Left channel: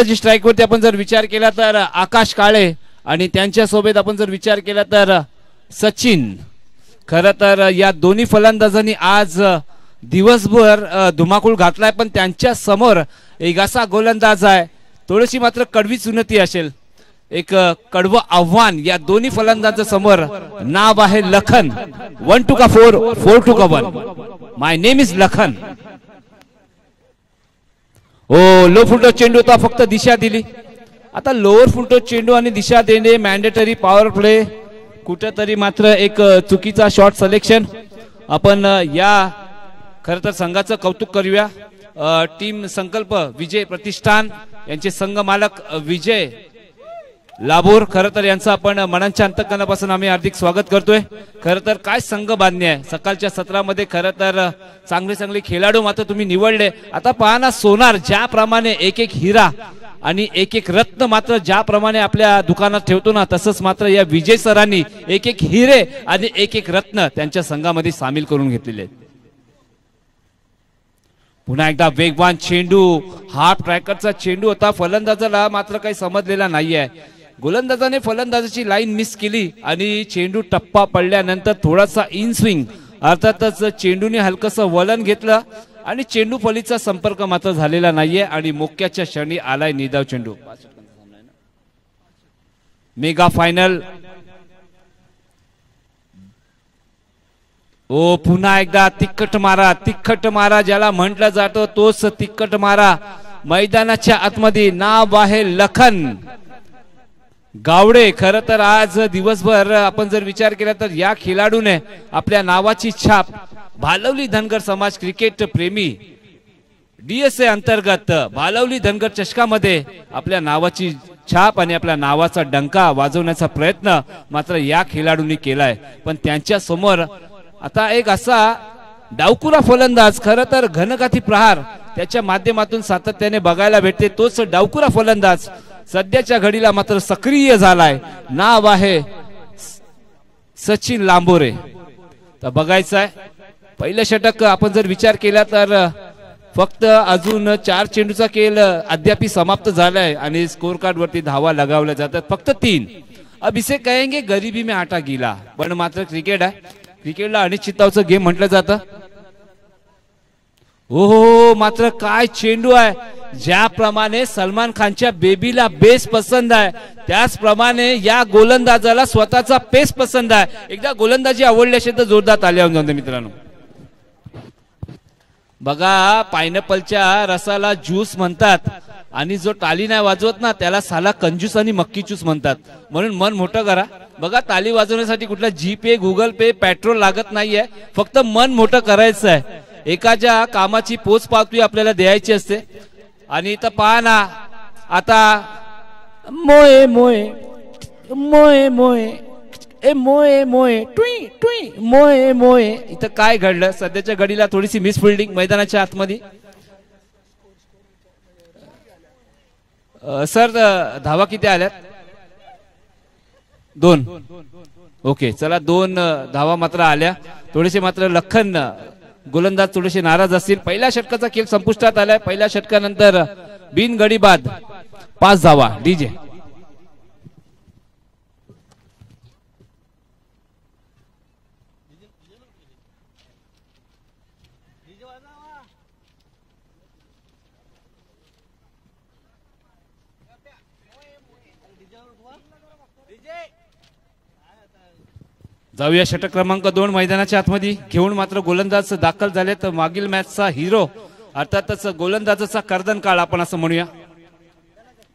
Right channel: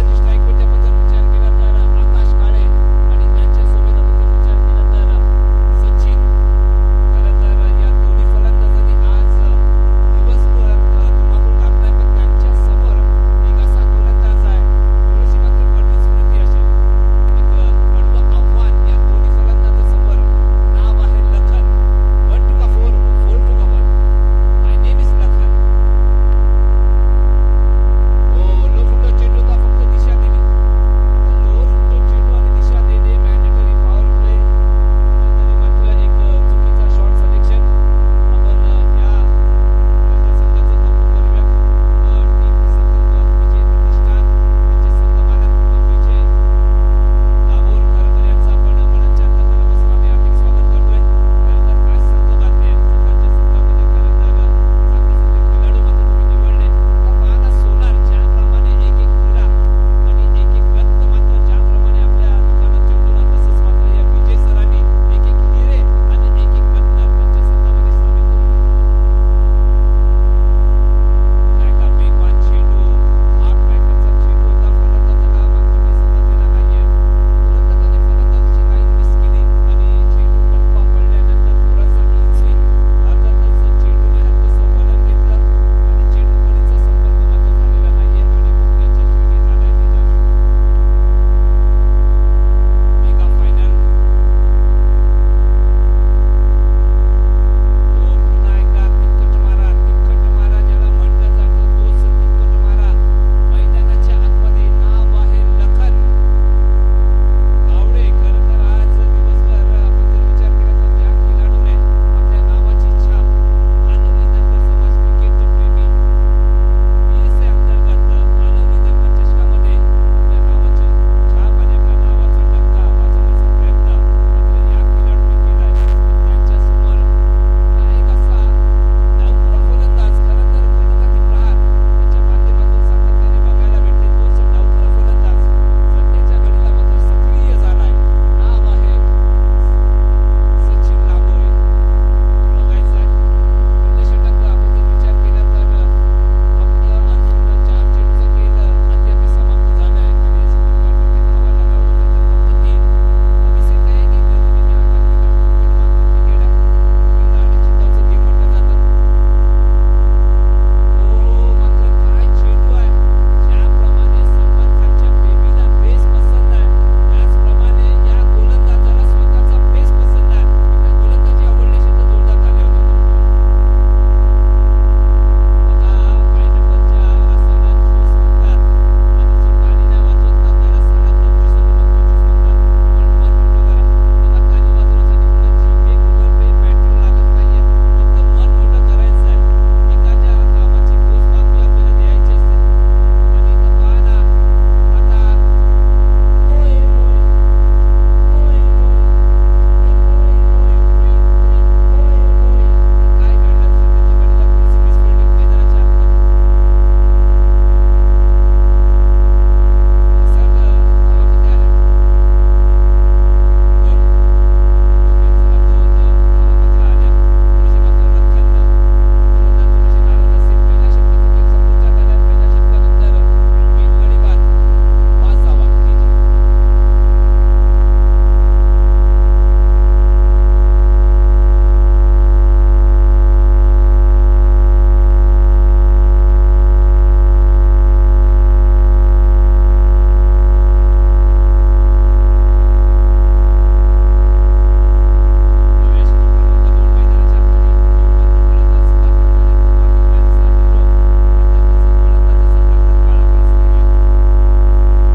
फलंदाजी स्ट्राइक वरती आपण जर विचार केला तर आकाश काळे आणि त्यांच्या सोबत आपण जर विचार केला तर सचिन. खरं तर या दोन्ही फलंदाजांनी आज दिवसभर धुमाकूळ घातलाय, पण त्यांच्या समोर एक असा गोलंदाज आहे, थोडीशी मात्र कडवी चुनती असेल, एक कडवं आव्हान या दोन्ही फलंदाजांसमोर. नाव आहे Lakhan. 1 to 4, 4 to 1. My name is Lakhan. ओ लो फुलटो चेंडू होता, फक्त दिशा दिली. आता लोअर फुलटो चेंडू आणि दिशा देणे मॅन्डेटरी पॉवर प्ले, कुठेतरी मात्र एक चुकीचा शॉट सिलेक्शन. आपण या खरं तर संघाचं कौतुक करूया. टीम संकल्प विजय प्रतिष्ठान यांचे संघ मालक विजय लाभोर, खरं तर यांचं आपण मनाच्या अंतकरणापासून आम्ही हार्दिक स्वागत करतोय. खरं तर काय संघ बांधणी आहे सकाळच्या सत्रामध्ये. खरं तर चांगले चांगले खेळाडू मात्र तुम्ही निवडले. आता पहा ना, सोनार ज्याप्रमाणे एक एक हिरा आणि एक एक रत्न मात्र ज्याप्रमाणे आपल्या दुकानात ठेवतो ना, तसंच मात्र या विजय सरांनी एक एक हिरे आणि एक एक रत्न त्यांच्या संघामध्ये सामील करून घेतलेले. पुन्हा एकदा वेगवान चेंडू, हाफ ट्रॅकरचा चेंडू होता. फलंदाजाला मात्र काही समजलेला नाहीये. गोलंदाजाने फलंदाजाची लाईन मिस केली आणि चेंडू टप्पा पडल्यानंतर थोडासा इन स्विंग, अर्थातच चेंडूने हलकसं वलन घेतलं आणि चेंडू फलीचा संपर्क मात्र झालेला नाहीये आणि मोक्याच्या क्षणी आलाय निदाव चेंडू. Mega final. ओ पुन्हा एकदा तिखट मारा, तिखट मारा ज्याला म्हटलं जातं तोच तिखट मारा. मैदानाच्या आतमध्ये नाव आहे लखन गावडे. खरं तर आज दिवसभर आपण जर विचार केला तर या खेळाडूने आपल्या नावाची छाप भालवली धनगर समाज क्रिकेट प्रेमी DSA अंतर्गत भालवली धनगर चषकामध्ये आपल्या नावाची छाप आणि आपल्या नावाचा डंका वाजवण्याचा प्रयत्न मात्र या खेळाडूंनी केलाय. पण त्यांच्या समोर आता एक असा डावकुरा फलंदाज, खरं तर घनघाती प्रहार त्याच्या माध्यमातून सातत्याने बघायला भेटते. तोच डावकुरा फलंदाज सध्याच्या घडीला मात्र सक्रिय झालाय. नाव आहे सचिन लांबोरे. तर बघायचं आहे पहिलं षटक आपण जर विचार केला तर फक्त अजून 4 चेंडूचा खेळ अद्याप समाप्त झालाय आणि स्कोर कार्ड वरती धावा लगावल्या जातात फक्त 3. अब इसे कहेंगे गरीबी में आटा गीला, पण मात्र क्रिकेट आहे. क्रिकेटला अनिश्चितताचं गेम म्हटलं जातं. हो मात्र काय चेंडू आहे. ज्याप्रमाणे सलमान खानच्या बेबीला बेस पसंत आहे त्याचप्रमाणे या गोलंदाजाला स्वतःचा पेस पसंत आहे. एकदा गोलंदाजी आवडली असेल तर जोरदार ताली वाजवून जाते मित्रांनो. बघा, पायनॅपलच्या रसाला ज्यूस म्हणतात आणि जो टाली नाही वाजवत ना त्याला साला कंजूस आणि मक्की ज्यूस म्हणतात. म्हणून मन मोठं करा. बघा, ताली वाजवण्यासाठी कुठला GPay, Google Pay, पेट्रोल लागत नाहीये. फक्त मन मोठं करायचं आहे. एकाच्या कामाची पोच पावती आपल्याला द्यायची असते. आणि इथं पहा ना, आता मोये मोये मोये मोये ए मोये मोये टुई टुई मोये मोये. इथं काय घडलं सध्याच्या घडीला? थोडीशी मिस फिल्डिंग मैदानाच्या आतमध्ये. सर धावा किती आल्यात? 2. ओके, चला 2 धावा मात्र आल्या. थोडेसे मात्र लखन गोलंदाज थोडेसे नाराज असतील. पहिल्या षटकाचा खेळ संपुष्टात आलाय. पहिल्या षटकानंतर बिनगडी बाद 5 धावा. डीजे जाऊया षटक क्रमांक 2 मैदानाच्या आतमध्ये घेऊन मात्र गोलंदाज दाखल झाले. तर मागील मॅचचा हिरो अर्थातच गोलंदाजाचा कर्दन काळ आपण असं म्हणूया.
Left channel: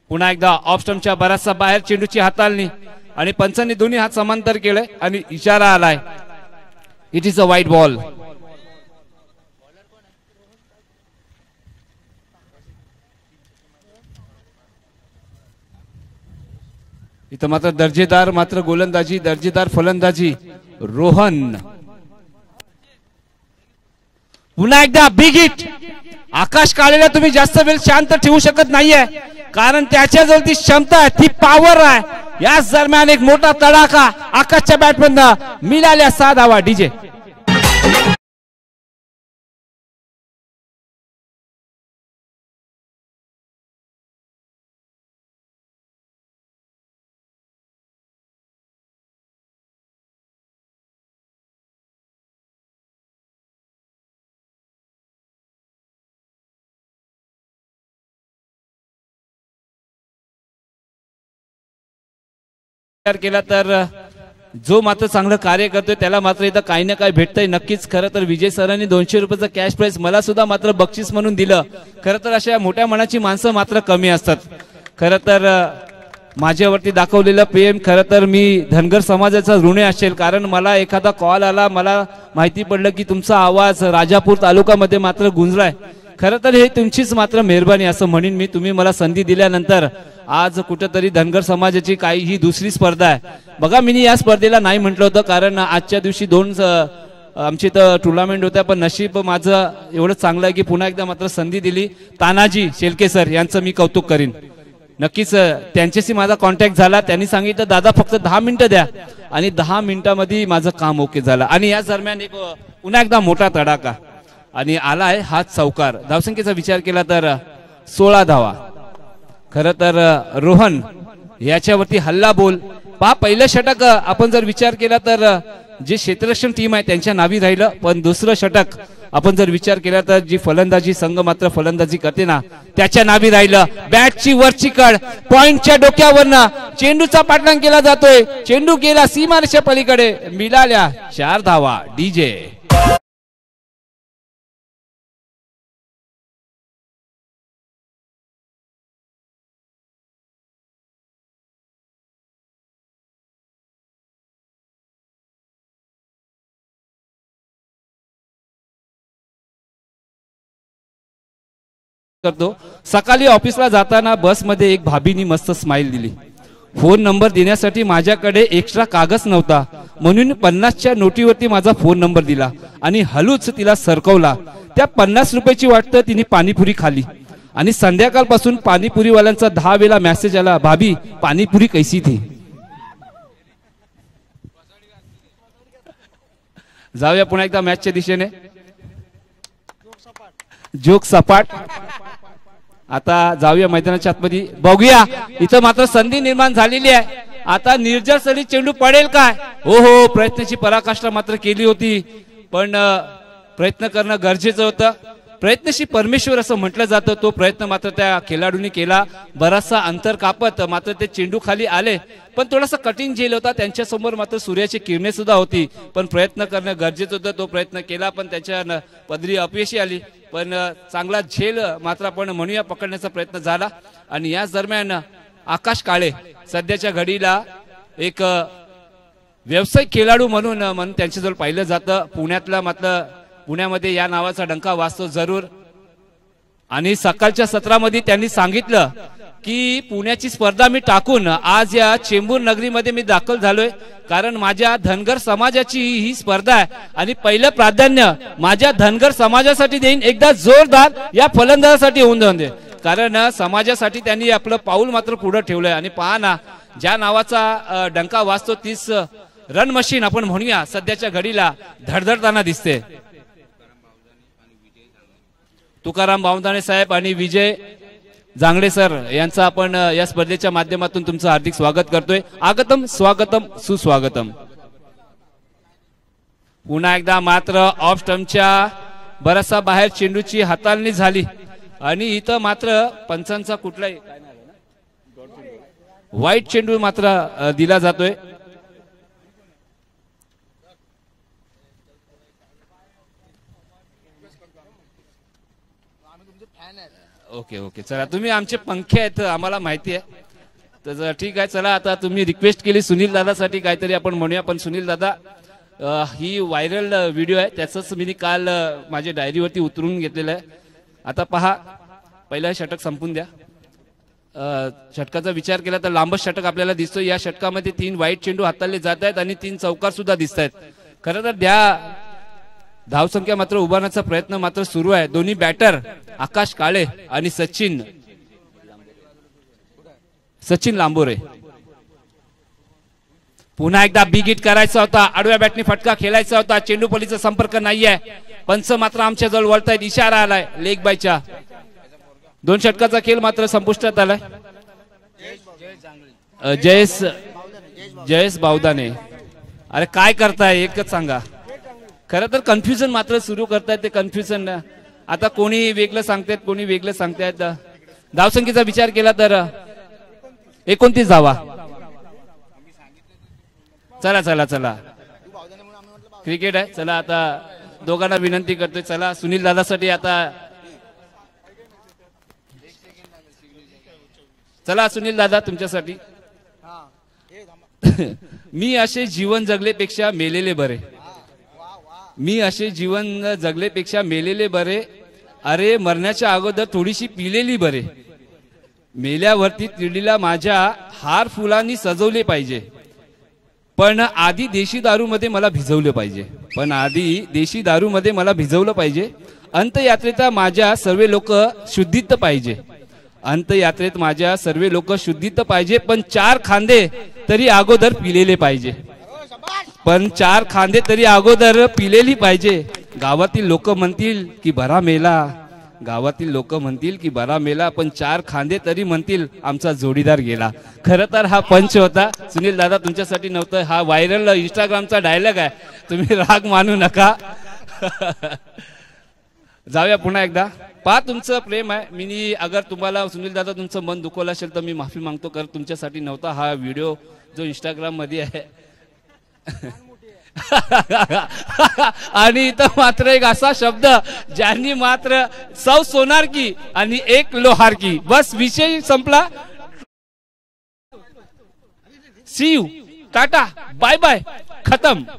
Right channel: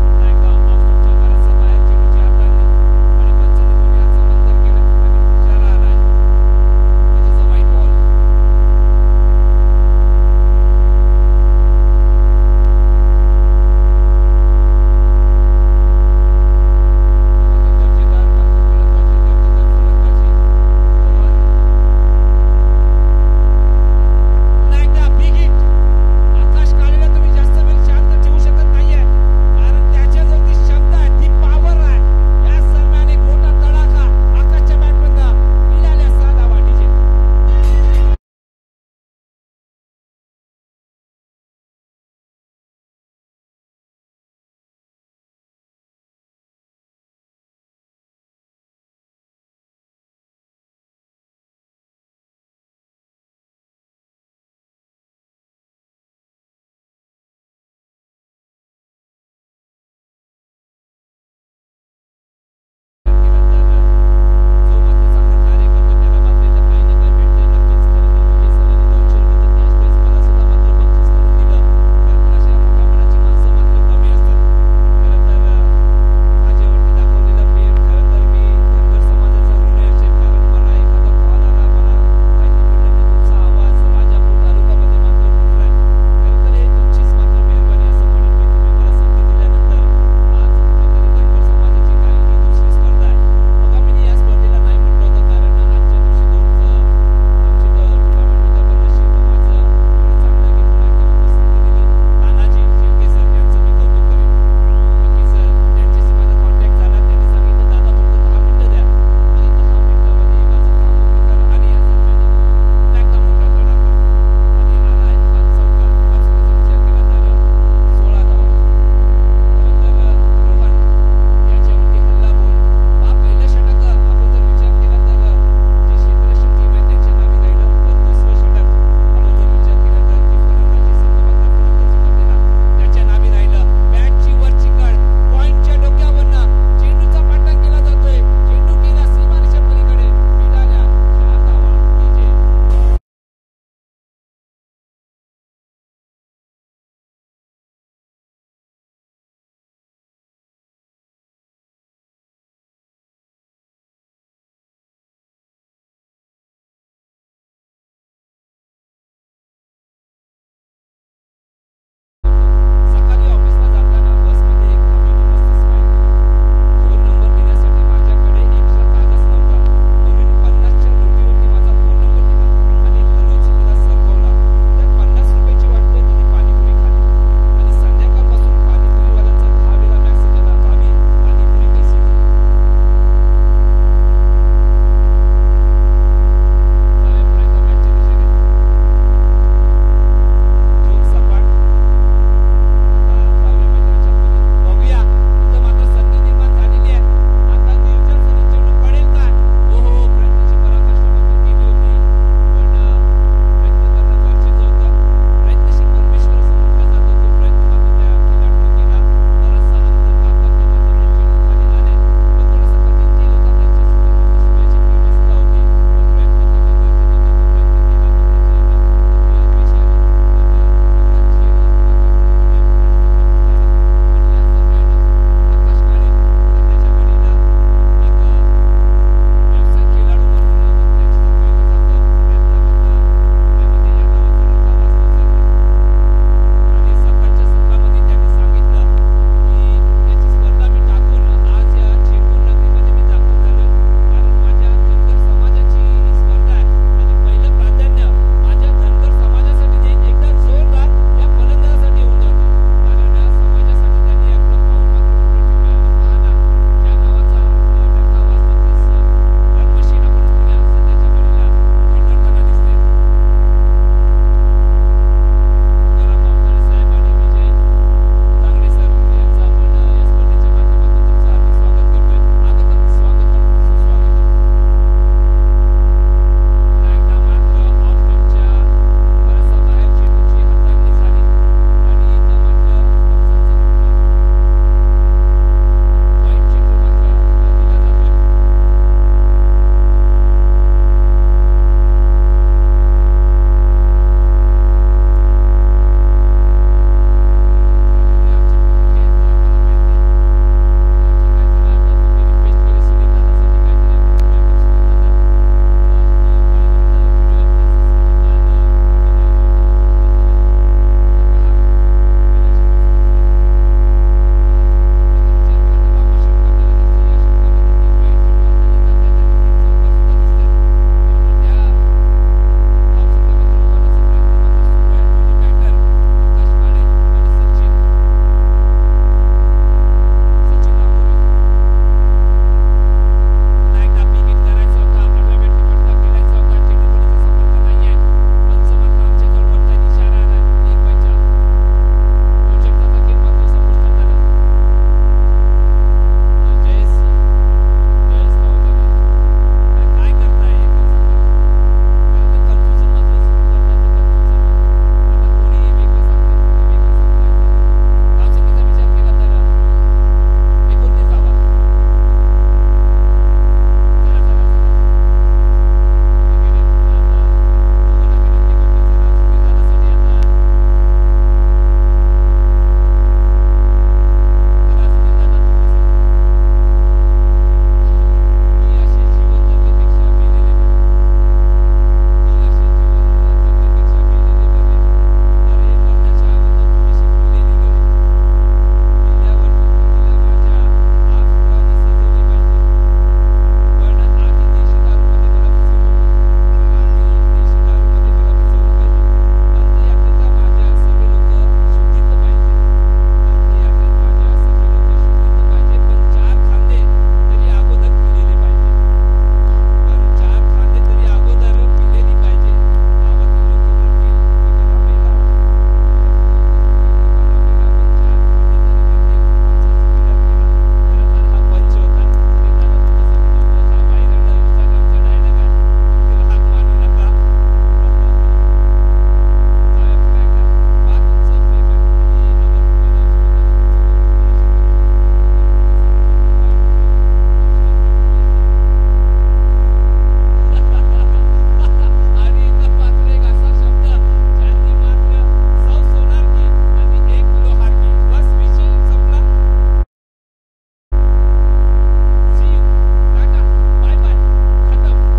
पुन्हा एकदा ऑफ स्टंपच्या बराचसा बाहेर चेंडूची हाताळणी आणि पंचांनी दोन्ही हात समांतर केले आणि इशारा आलाय, it is a wide ball. इथं मात्र दर्जेदार मात्र गोलंदाजी, दर्जेदार फलंदाजी रोहन. पुन्हा एकदा बिग हिट. आकाश काळेला तुम्ही जास्त वेळ शांत ठेवू शकत नाहीये कारण त्याच्याजवळ ती क्षमता आहे, ती पॉवर आहे. याच दरम्यान एक मोठा तडाखा आकाशच्या बॅटमधनं मिळाल्या 6 धावा. डीजे केला तर जो मात्र चांगलं कार्य करतोय त्याला मात्र इथं काही ना काही भेटतंय नक्कीच. खरं तर विजय सरांनी 200 रुपयाचं कॅश प्राइस मला सुद्धा मात्र बक्षीस म्हणून दिलं. खरं तर अशा मोठ्या मनाची माणसं मात्र कमी असतात. खरं तर माझ्यावरती दाखवलेलं प्रेम खरं तर मी धनगर समाजाचा ऋणी असेल, कारण मला एखादा कॉल आला, मला माहिती पडलं की तुमचा आवाज राजापूर तालुक्यामध्ये मात्र गुंजलाय. खरं तर हे तुमचीच मात्र मेहरबानी असं म्हणेन मी. तुम्ही मला संधी दिल्यानंतर आज कुठेतरी धनगर समाजाची काही ही दुसरी स्पर्धा आहे बघा. मी या स्पर्धेला नाही म्हटलं होतं कारण आजच्या दिवशी 2 आमची तर टुर्नामेंट होत्या, पण नशीब माझं एवढं चांगलं आहे की पुन्हा एकदा मात्र संधी दिली. तानाजी शेलके सर यांचं मी कौतुक करीन. नक्कीच त्यांच्याशी माझा कॉन्टॅक्ट झाला. त्यांनी सांगितलं दादा फक्त 10 मिनिटं द्या आणि 10 मिनिटांमध्ये माझं काम ओके झालं. आणि या दरम्यान एक पुन्हा एकदा मोठा तडाखा आणि आला आहे हा चौकार. धावसंख्येचा विचार केला तर 16 धावा. खरं तर रोहन याच्यावरती हल्ला बोल पहा. पहिलं षटक आपण जर विचार केला तर जे क्षेत्ररक्षण टीम आहे त्यांच्या नावी राहिलं, पण दुसरं षटक आपण जर विचार केला तर जी फलंदाजी संघ मात्र फलंदाजी करते ना त्याच्या नावी राहिलं. बॅटची वरची कड पॉइंटच्या डोक्यावरनं चेंडूचा पाठलाग केला जातोय. चेंडू गेला सीमारेषे पलीकडे, मिळाल्या 4 धावा. डीजे करतो. सकाळी ऑफिसला जाताना बसमध्ये एक भाभीनी मस्त स्माइल दिली. फोन नंबर देण्यासाठी माझ्याकडे एक्स्ट्रा कागद नव्हता म्हणून 50च्या नोटीवरती माझा फोन नंबर दिला आणि हलूच तिला सरकवला. त्या 50 रुपयाची वाटतं तिने पाणीपुरी खाली आणि संध्याकाळपासून पाणीपुरीवाल्यांचा 10 वेळा मेसेज आला, भाभी पाणीपुरी कैसी थी. जाऊया पुन्हा एकदा मॅचच्या दिशेने. जोक सपाट. आता जाऊया मैदानाच्या आतमध्ये बघूया. इथं मात्र संधी निर्माण झालेली आहे. आता निर्जर सरी चेंडू पडेल काय. हो प्रयत्नाची पराकाष्ठा मात्र केली होती, पण प्रयत्न करणं गरजेचं होतं. प्रयत्नशी परमेश्वर असं म्हटलं जातं. तो प्रयत्न मात्र त्या खेळाडूंनी केला. बराचसा अंतर कापत मात्र ते चेंडू खाली आले, पण थोडासा कठीण झेल होता. त्यांच्यासमोर मात्र सूर्याची किरणे सुद्धा होती, पण प्रयत्न करणं गरजेचं होतं. तो प्रयत्न केला पण त्याच्या पदरी अपयशी आली, पण चांगला झेल मात्र आपण म्हणूया पकडण्याचा प्रयत्न झाला. आणि याच दरम्यान आकाश काळे सध्याच्या घडीला एक व्यावसायिक खेळाडू म्हणून त्याच्याजवळ पाहिलं जातं. पुण्यातला मात्र पुण्यामध्ये या नावाचा डंका वाजतो जरूर. आणि सकाळच्या सत्रामध्ये त्यांनी सांगितलं की पुण्याची स्पर्धा मी टाकून आज या चेंबूर नगरीमध्ये मी दाखल झालोय, कारण माझ्या धनगर समाजाची ही स्पर्धा आहे आणि पहिलं प्राधान्य माझ्या धनगर समाजासाठी देईन. एकदा जोरदार या फलंदाजासाठी होऊन जाऊन दे, कारण समाजासाठी त्यांनी आपलं पाऊल मात्र पुढे ठेवलंय. आणि पहा ना ज्या नावाचा डंका वाजतो तीच रन मशीन आपण म्हणूया सध्याच्या घडीला धडधडताना दिसते. तुकाराम बावताणे साहेब आणि विजय जांगडे सर यांचं आपण या स्पर्धेच्या माध्यमातून तुमचं हार्दिक स्वागत करतोय. आगतम स्वागतम सुस्वागतम. पुन्हा एकदा मात्र ऑफ स्टंपच्या बराचसा बाहेर चेंडूची हाताळणी झाली आणि इथं मात्र पंचांचा कुठलाही वाईट चेंडू मात्र दिला जातोय. तुम्ही आमचे पंखे आहेत आम्हाला माहिती आहे, तर ठीक आहे. चला आता तुम्ही रिक्वेस्ट केली सुनील दादासाठी काहीतरी आपण म्हणूया, पण सुनील दादा ही व्हायरल व्हिडिओ आहे, त्याचंच मी काल माझ्या डायरीवरती उतरून घेतलेलं आहे. आता पहा पहिला षटक संपून द्या. षटकाचा विचार केला तर लांबच षटक आपल्याला दिसतो. या षटकामध्ये 3 वाईट चेंडू हाताळले जात आहेत आणि 3 चौकार सुद्धा दिसत आहेत. खरं तर त्या धावसंख्या मात्र उभारण्याचा प्रयत्न मात्र सुरू आहे. दोन्ही बॅटर आकाश काळे आणि सचिन लांबोरे. पुन्हा एकदा बिग हिट करायचा होता, आडव्या बॅटने फटका खेळायचा होता. चेंडू पलीचा संपर्क नाहीये, पंच मात्र आमच्या जवळ वळतायत. इशारा आलाय लेग बायच्या. 2 षटकाचा खेळ मात्र संपुष्टात आलाय. जयेश बावदाने, अरे काय करताय एकच सांगा. खरं तर कन्फ्युजन मात्र सुरू करतायत ते. कन्फ्युजन आता कोणी वेगळं सांगतायत, कोणी वेगळं सांगतायत. धावसंख्येचा विचार केला तर 29 धावा. चला चला चला, क्रिकेट आहे. चला आता दोघांना विनंती करतोय, चला सुनील दादासाठी आता. चला सुनील दादा तुमच्यासाठी. मी असे जीवन जगलेपेक्षा मेलेले बरे. मी असे जीवन जगलेपेक्षा मेलेले बरे. अरे मरण्याच्या अगोदर थोडीशी पिलेली बरे. मेल्यावरती तिडीला माझ्या हार फुलांनी सजवले पाहिजे, पण आधी देशी दारू मध्ये मला भिजवले पाहिजे. पण आधी देशी दारू मध्ये मला भिजवलं पाहिजे. अंतयात्रेचा माझ्या सर्व लोक शुद्धीत पाहिजे. अंतयात्रेत माझ्या सर्व लोक शुद्धीत पाहिजे. पण 4 खांदे तरी अगोदर पिलेले पाहिजे. पण 4 खांदे तरी अगोदर पिलेली पाहिजे. गावातील लोक म्हणतील की बरा मेला. गावातील लोक म्हणतील की बरा मेला. पण 4 खांदे तरी म्हणतील आमचा जोडीदार गेला. खरं तर हा पंच होता सुनील दादा, तुमच्यासाठी नव्हतं. हा व्हायरल इंस्टाग्रामचा डायलॉग आहे, तुम्ही राग मानू नका. जाऊया पुन्हा एकदा. पहा तुमचं प्रेम आहे. मी अगर तुम्हाला सुनील दादा तुमचं मन दुखवलं असेल तर मी माफी मागतो. कर तुमच्यासाठी नव्हता हा व्हिडिओ जो इंस्टाग्राम मध्ये आहे. आणि इथं मात्र एक असा शब्द ज्यांनी मात्र 100 सोनार की आणि 1 लोहार की, बस विषय संपला. See you, tata, bye bye, खत्म.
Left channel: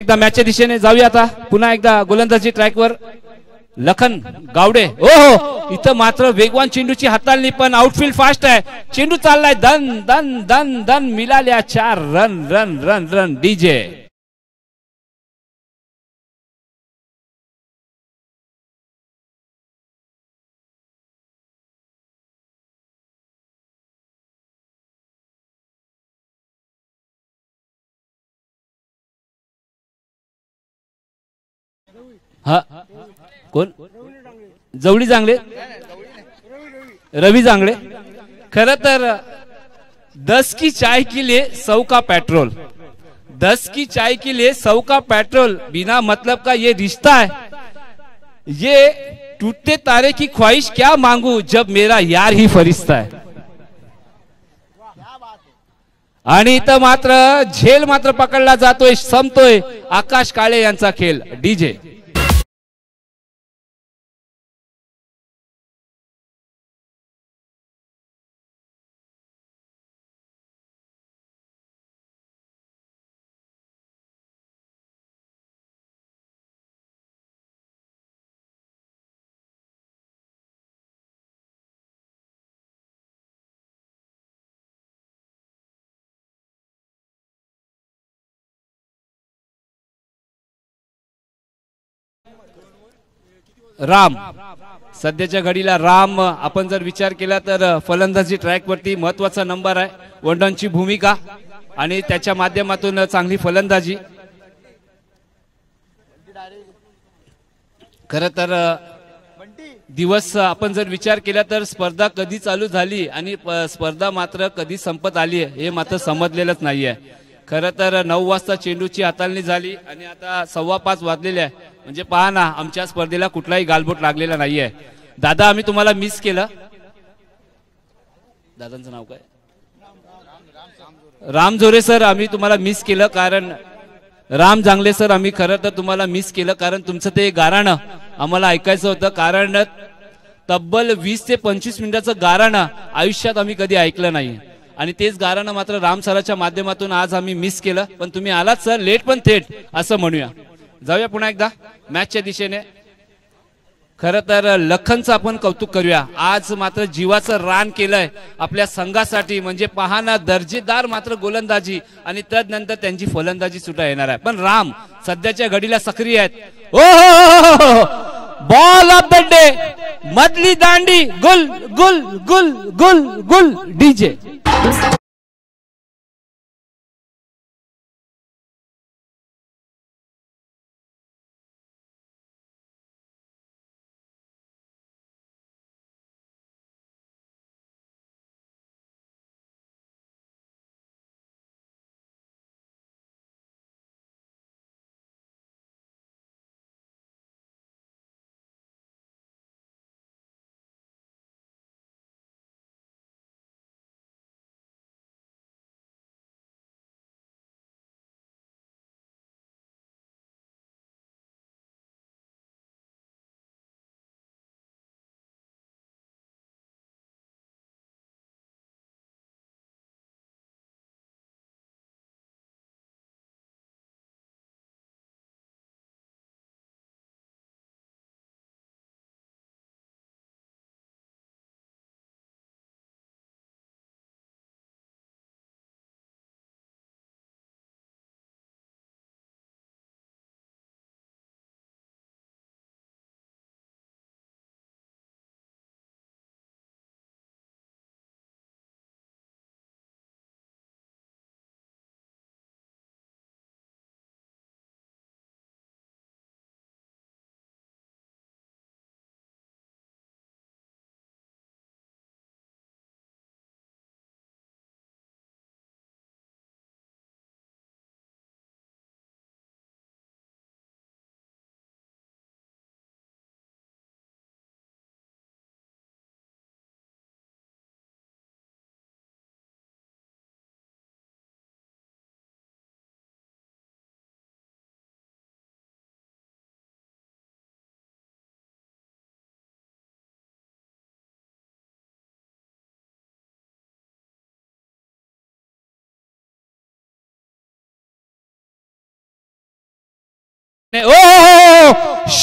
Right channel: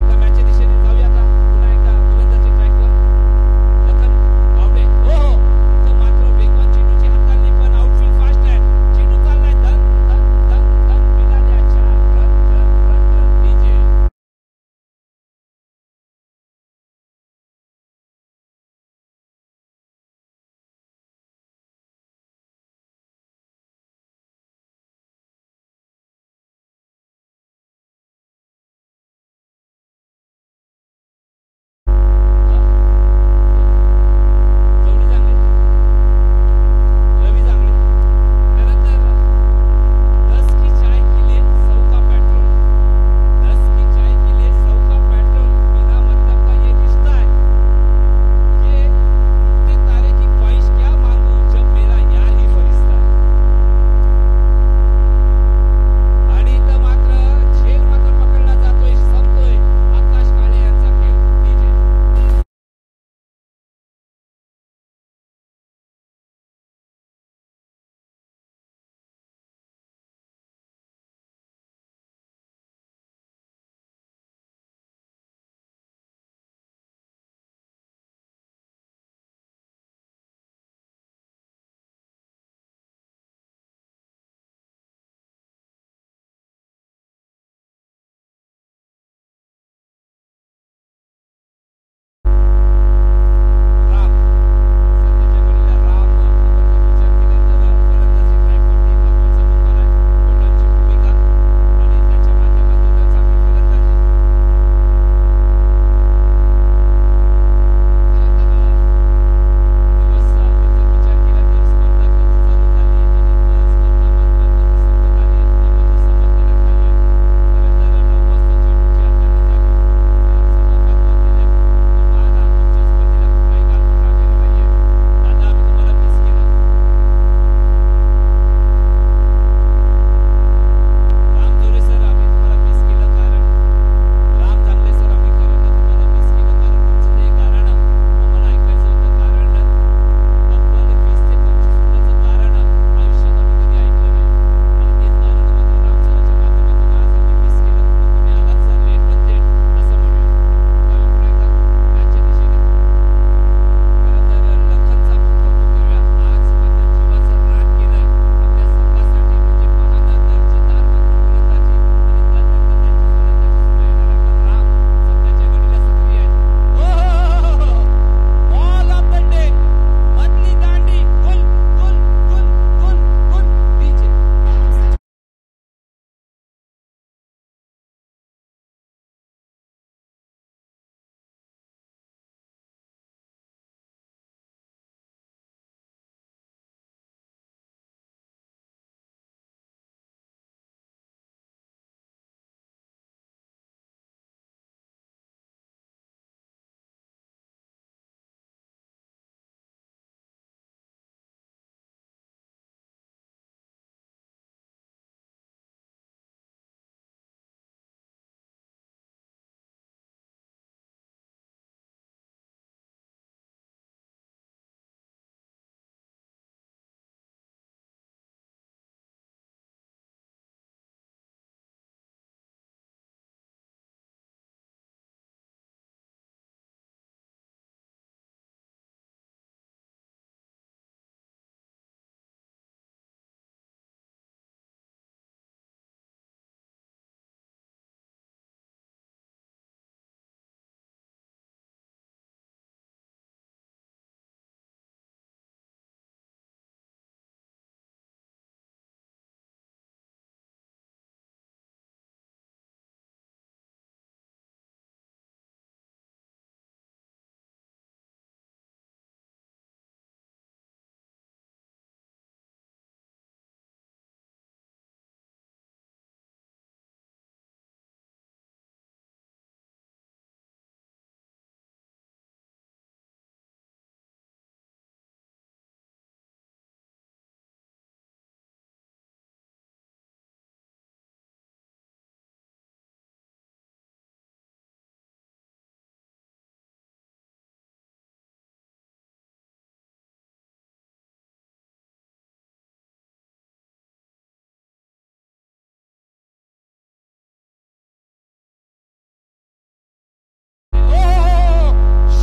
मॅचच्या दिशेने जाऊया आता पुन्हा एकदा गोलंदाजी ट्रॅकवर. लखन गावडे. ओ हो, इथं मात्र वेगवान चेंडूची हाताळणी, पण आउटफील्ड फास्ट आहे. चेंडू चाललाय धन धन धन धन. मिळाल्या 4 run run run run. DJ हा कोण? जवळी जांगले, रवी जांगले. खर तर 10 की चाय के लिए 100 का पेट्रोल. 10 की चाय के लिए 100 का पेट्रोल. बिना मतलब का ये रिश्ता है. ये टूटते तारे की ख्वाहिश क्या मांगू जब मेरा यार ही फरिश्ता है. आणि इथं मात्र झेल मात्र पकडला जातोय, संपतोय आकाश काळे यांचा खेळ. डीजे राम. सध्याच्या घडीला राम आपण जर विचार केला तर फलंदाजी ट्रॅक वरती महत्वाचा नंबर आहे. वनडाऊनची भूमिका आणि त्याच्या माध्यमातून चांगली फलंदाजी. खरं तर दिवस आपण जर विचार केला तर स्पर्धा कधी चालू झाली आणि स्पर्धा मात्र कधी संपत आली हे मात्र समजलेलंच नाहीये. खरं तर 9 वाजता चेंडूची हाताळणी झाली आणि आता 5:15 वाजलेले आहे. म्हणजे पहा ना, आमच्या स्पर्धेला कुठलाही गालबोट लागलेला नाहीये. दादा आम्ही तुम्हाला मिस केलं. दादांचं नाव काय? राम जोरे सर, आम्ही तुम्हाला मिस केलं. कारण राम जांगले सर, आम्ही खरं तर तुम्हाला मिस केलं कारण तुमचं ते गाराणं आम्हाला ऐकायचं होतं. कारण तब्बल 20 ते 25 मिनिटाचं गाराणं आयुष्यात आम्ही कधी ऐकलं नाही. आणि तेच गाराणं मात्र राम सराच्या माध्यमातून आज आम्ही मिस केलं. पण तुम्ही आलात सर, लेट पण थेट असं म्हणूया. जाऊया पुन्हा एकदा मॅचच्या दिशेने. खरं तर लखनचं आपण कौतुक करूया. आज मात्र जीवाचं रान केलंय आपल्या संघासाठी. म्हणजे पाहना दर्जेदार मात्र गोलंदाजी आणि त्यानंतर त्यांची फलंदाजी सुद्धा येणार आहे. पण राम सध्याच्या घडीला सक्रिय आहेत. ओ बॉल ऑफ द डे, मधली दांडी, गुल गुल गुल गुल गुल. DJ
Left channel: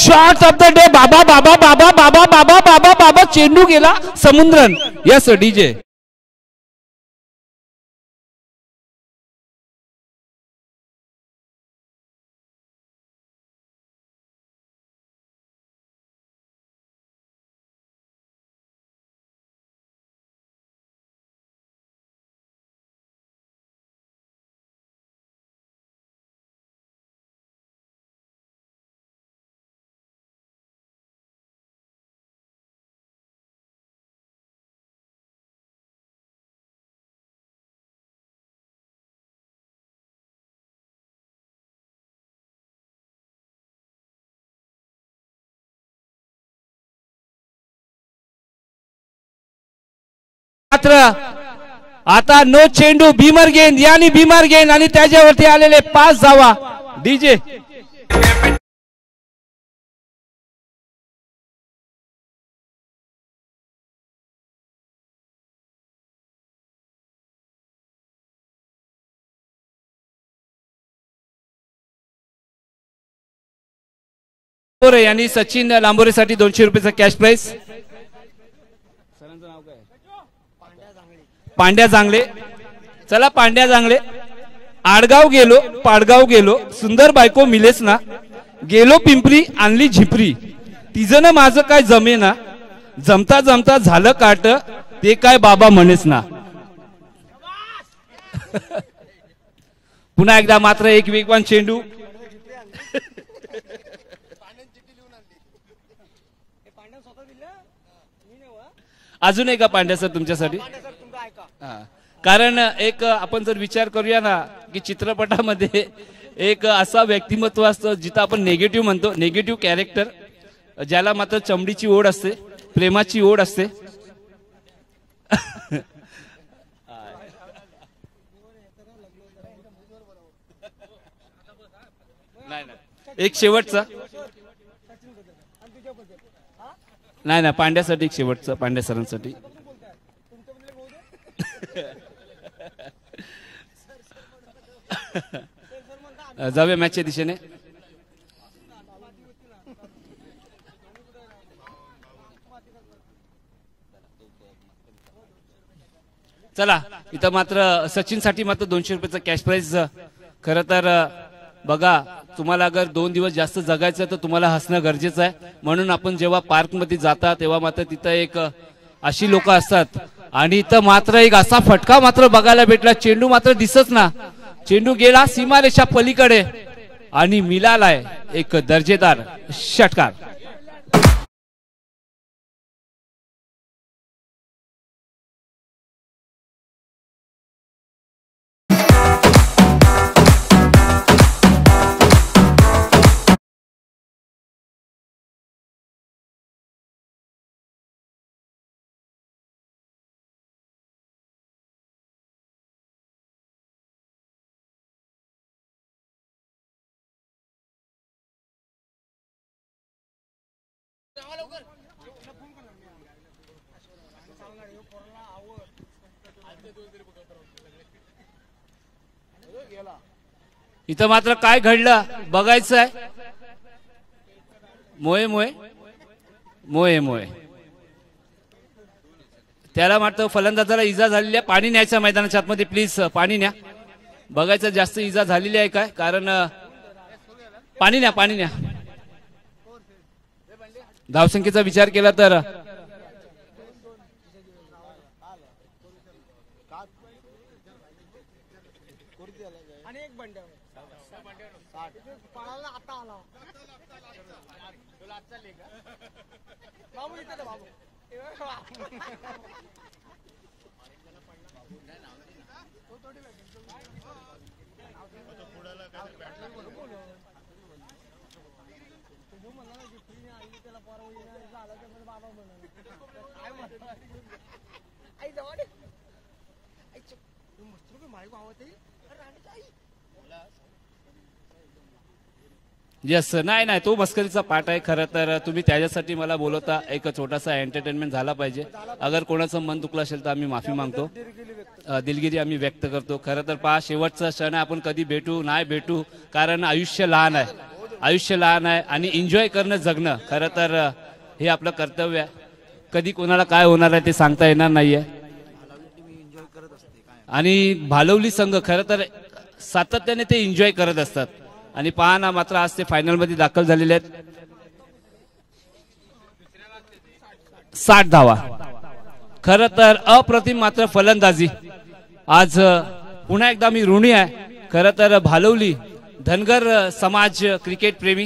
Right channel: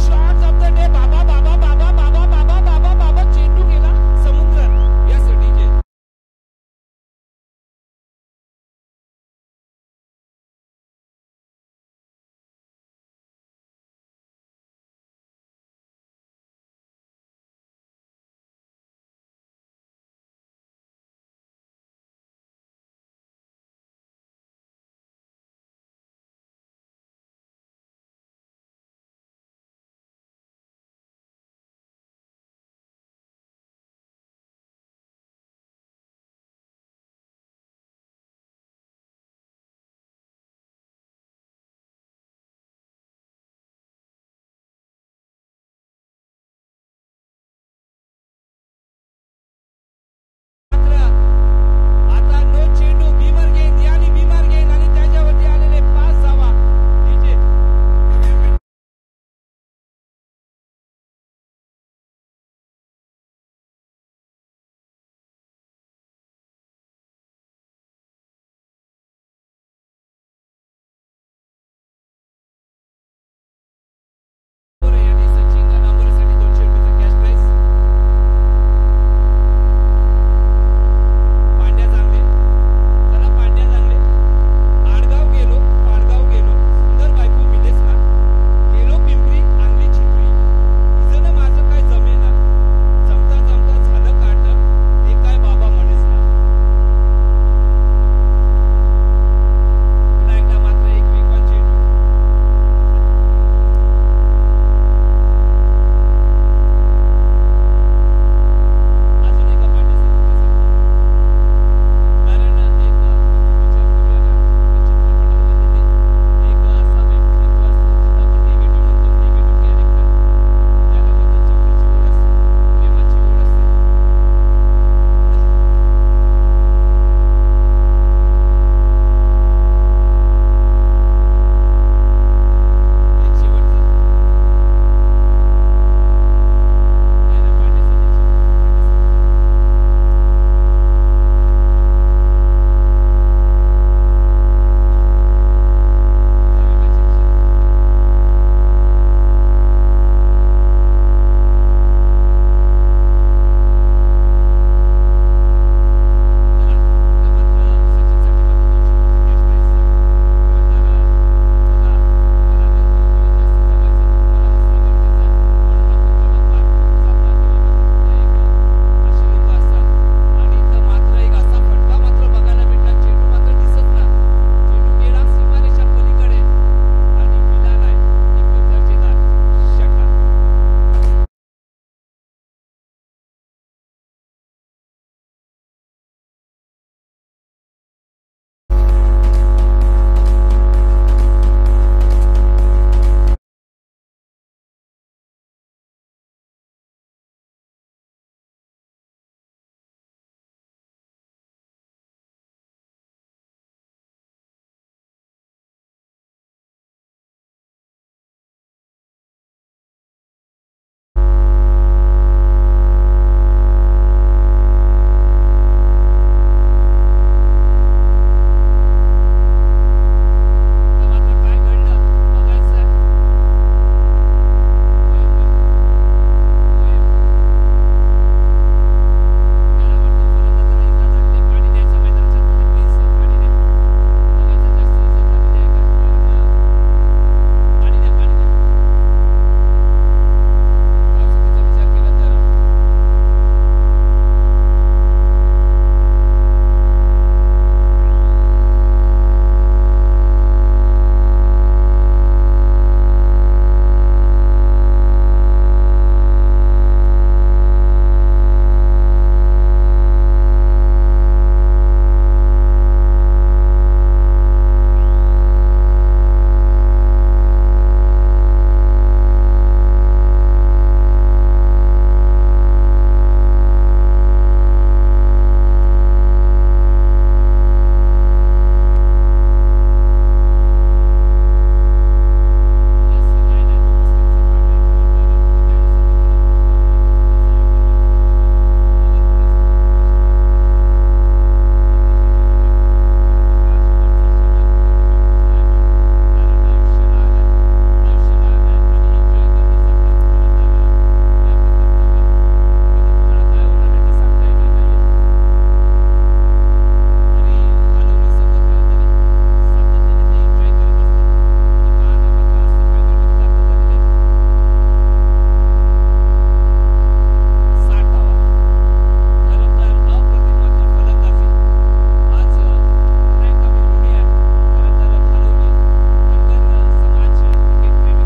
shot of the day. बाबा बाबा बाबा बाबा बाबा बाबा बाबा चेंडू गेला समुद्रन. Yes DJ. मात्र आता नो चेंडू. भीमर गेंद यानी भीमर गेंद आणि त्याच्यावरती आलेले 5 धावा. डीजे. यांनी सचिन लांबोरेसाठी 200 रुपयाचा कॅश प्राइस. पांड्या जांगले. चला पांड्या जांगले. आडगाव गेलो पाडगाव गेलो सुंदर बायको मिलेस ना. गेलो पिंपरी आणली झिपरी. तिजन माझं काय जमेना. जमता जमता झालं काट ते काय बाबा म्हणेस ना. पुन्हा एकदा मात्र एक वेगवान चेंडू. अजून एका पांड्या सर तुमच्यासाठी. कारण एक आपण जर विचार करूया ना की चित्रपटामध्ये एक असा व्यक्तिमत्व असतं जिथं आपण नेगेटिव्ह म्हणतो. नेगेटिव्ह कॅरेक्टर ज्याला मात्र चमडीची ओढ असते प्रेमाची ओढ असते. एक शेवटचा. नाही ना पांड्यासाठी एक शेवटचं. पांड्या सरांसाठी. जाऊया मॅचच्या दिशेने. चला इथं मात्र सचिन साठी मात्र 200 रुपयाचा कॅश प्राइस. खरं तर बघा तुम्हाला अगर 2 दिवस जास्त जगायचं तर तुम्हाला हसणं गरजेचं आहे. म्हणून आपण जेव्हा पार्क मध्ये जाता तेव्हा मात्र तिथं एक अशी लोक असतात आणि इथं मात्र एक असा फटका मात्र बघायला भेटला. चेंडू मात्र दिसत ना. चेंडू गेला सीमारेषा पलीकडे आणि मिळालाय एक दर्जेदार षटकार. इथं मात्र काय घडलं बघायचं आहे. मोये मोये मोये मोये. त्याला मात्र फलंदाजाला इजा झालेली आहे. पाणी न्यायचं मैदानाच्या आतमध्ये प्लीज. पाणी न्या. बघायचं जास्त इजा झालेली आहे काय. कारण पाणी न्या पाणी न्या. धावसंख्येचा विचार केला तर नाही नाही तो मस्करीचा पाठ आहे. खरं तर तुम्ही त्याच्यासाठी मला बोलवता. एक छोटासा एंटरटेनमेंट झाला पाहिजे. अगर कोणाचं मन दुखलं असेल तर आम्ही माफी मागतो. दिलगिरी आम्ही व्यक्त करतो. खरं तर पहा शेवटचा क्षण आहे. आपण कधी भेटू नाही भेटू कारण आयुष्य लहान आहे. आयुष्य लहान आहे आणि एन्जॉय करणं जगणं खरं तर हे आपलं कर्तव्य आहे. कधी कोणाला काय होणार आहे ते सांगता येणार नाहीये. आणि भालवली संघ खरं तर सातत्याने ते एन्जॉय करत असतात आणि पहा ना मात्र आज ते फायनल मध्ये दाखल झालेले आहेत. 60 धावा खरं तर अप्रतिम मात्र फलंदाजी. आज पुन्हा एकदा मी ऋणी आहे खरं तर भालवली धनगर समाज क्रिकेट प्रेमी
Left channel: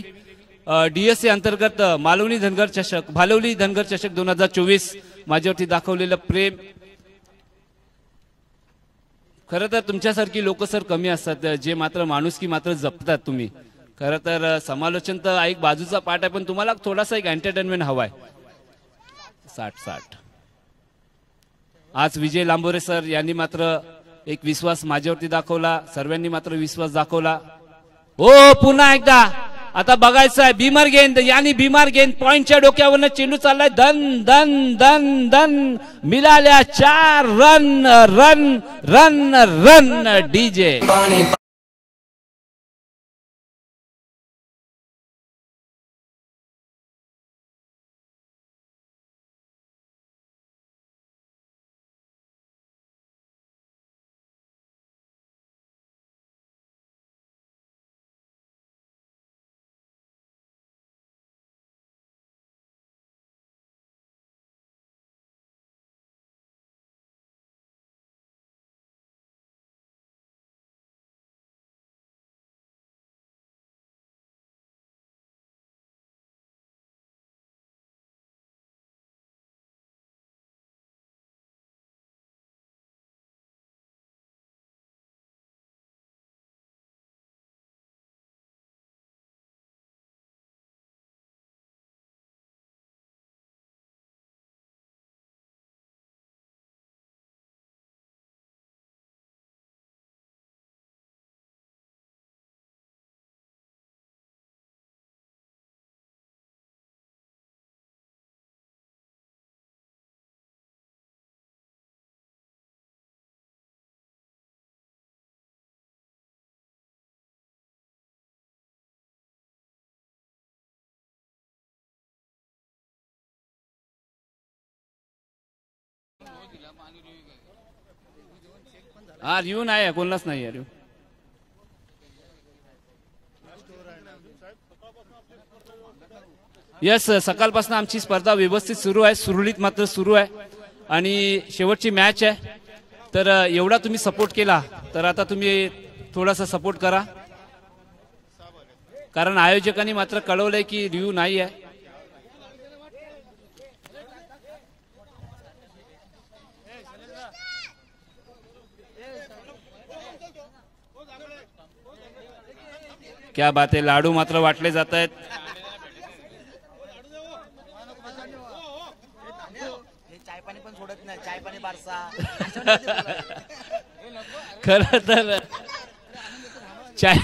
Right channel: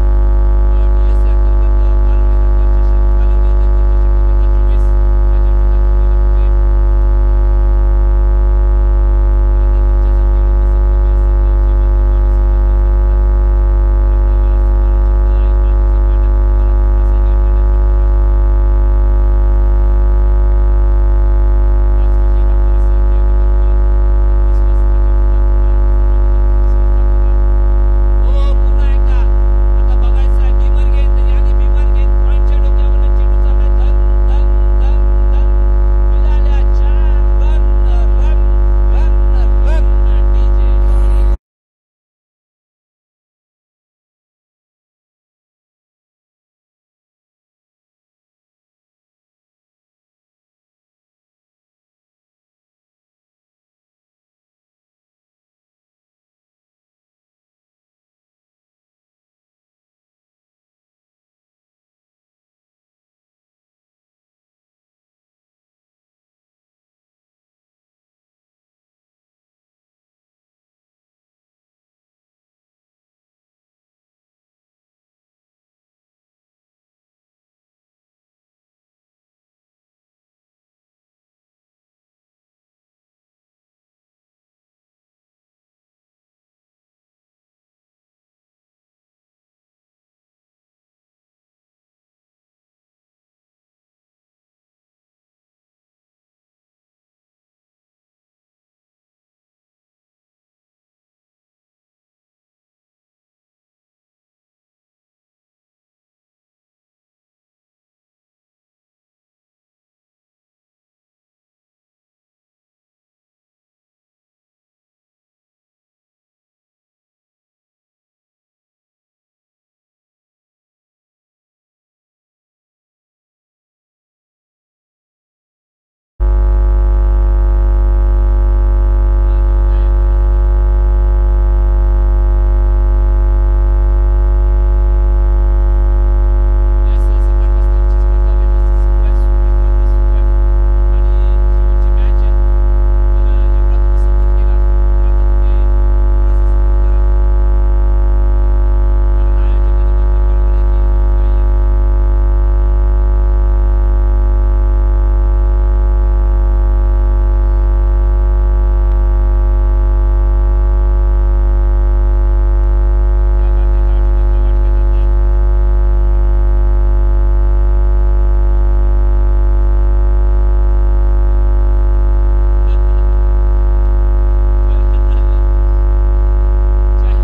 DSA अंतर्गत मालवणी धनगर चषक भालवली धनगर चषक 2024 माझ्यावरती दाखवलेलं प्रेम. खरं तर तुमच्यासारखी लोक सर कमी असतात जे मात्र माणुसकी मात्र जपतात तुम्ही. खरं तर समालोचन तर एक बाजूचा पार्ट आहे पण तुम्हाला थोडासा एक एंटरटेनमेंट हवाय. 60 आज विजय लांबोरे सर यांनी मात्र एक विश्वास माझ्यावरती दाखवला. सर्वांनी मात्र विश्वास दाखवला. हो पुन्हा एकदा आता बघायचं आहे बीमार गेंद यानी बीमार गेंद पॉइंटच्या डोक्यावरनं चेंडू चाललाय. धन धन धन धन मिळाल्या 4 run run run run DJ. बोललाच नाही. यस सकाळपासून आमची स्पर्धा व्यवस्थित सुरू आहे. सुरळीत मात्र सुरू आहे आणि शेवटची मॅच आहे. तर एवढा तुम्ही सपोर्ट केला तर आता तुम्ही थोडासा सपोर्ट करा कारण आयोजकांनी मात्र कळवलंय की रिव्ह्यू नाही आहे. क्या बात आहे. लाडू मात्र वाटले जात आहेत. खरं तर चाय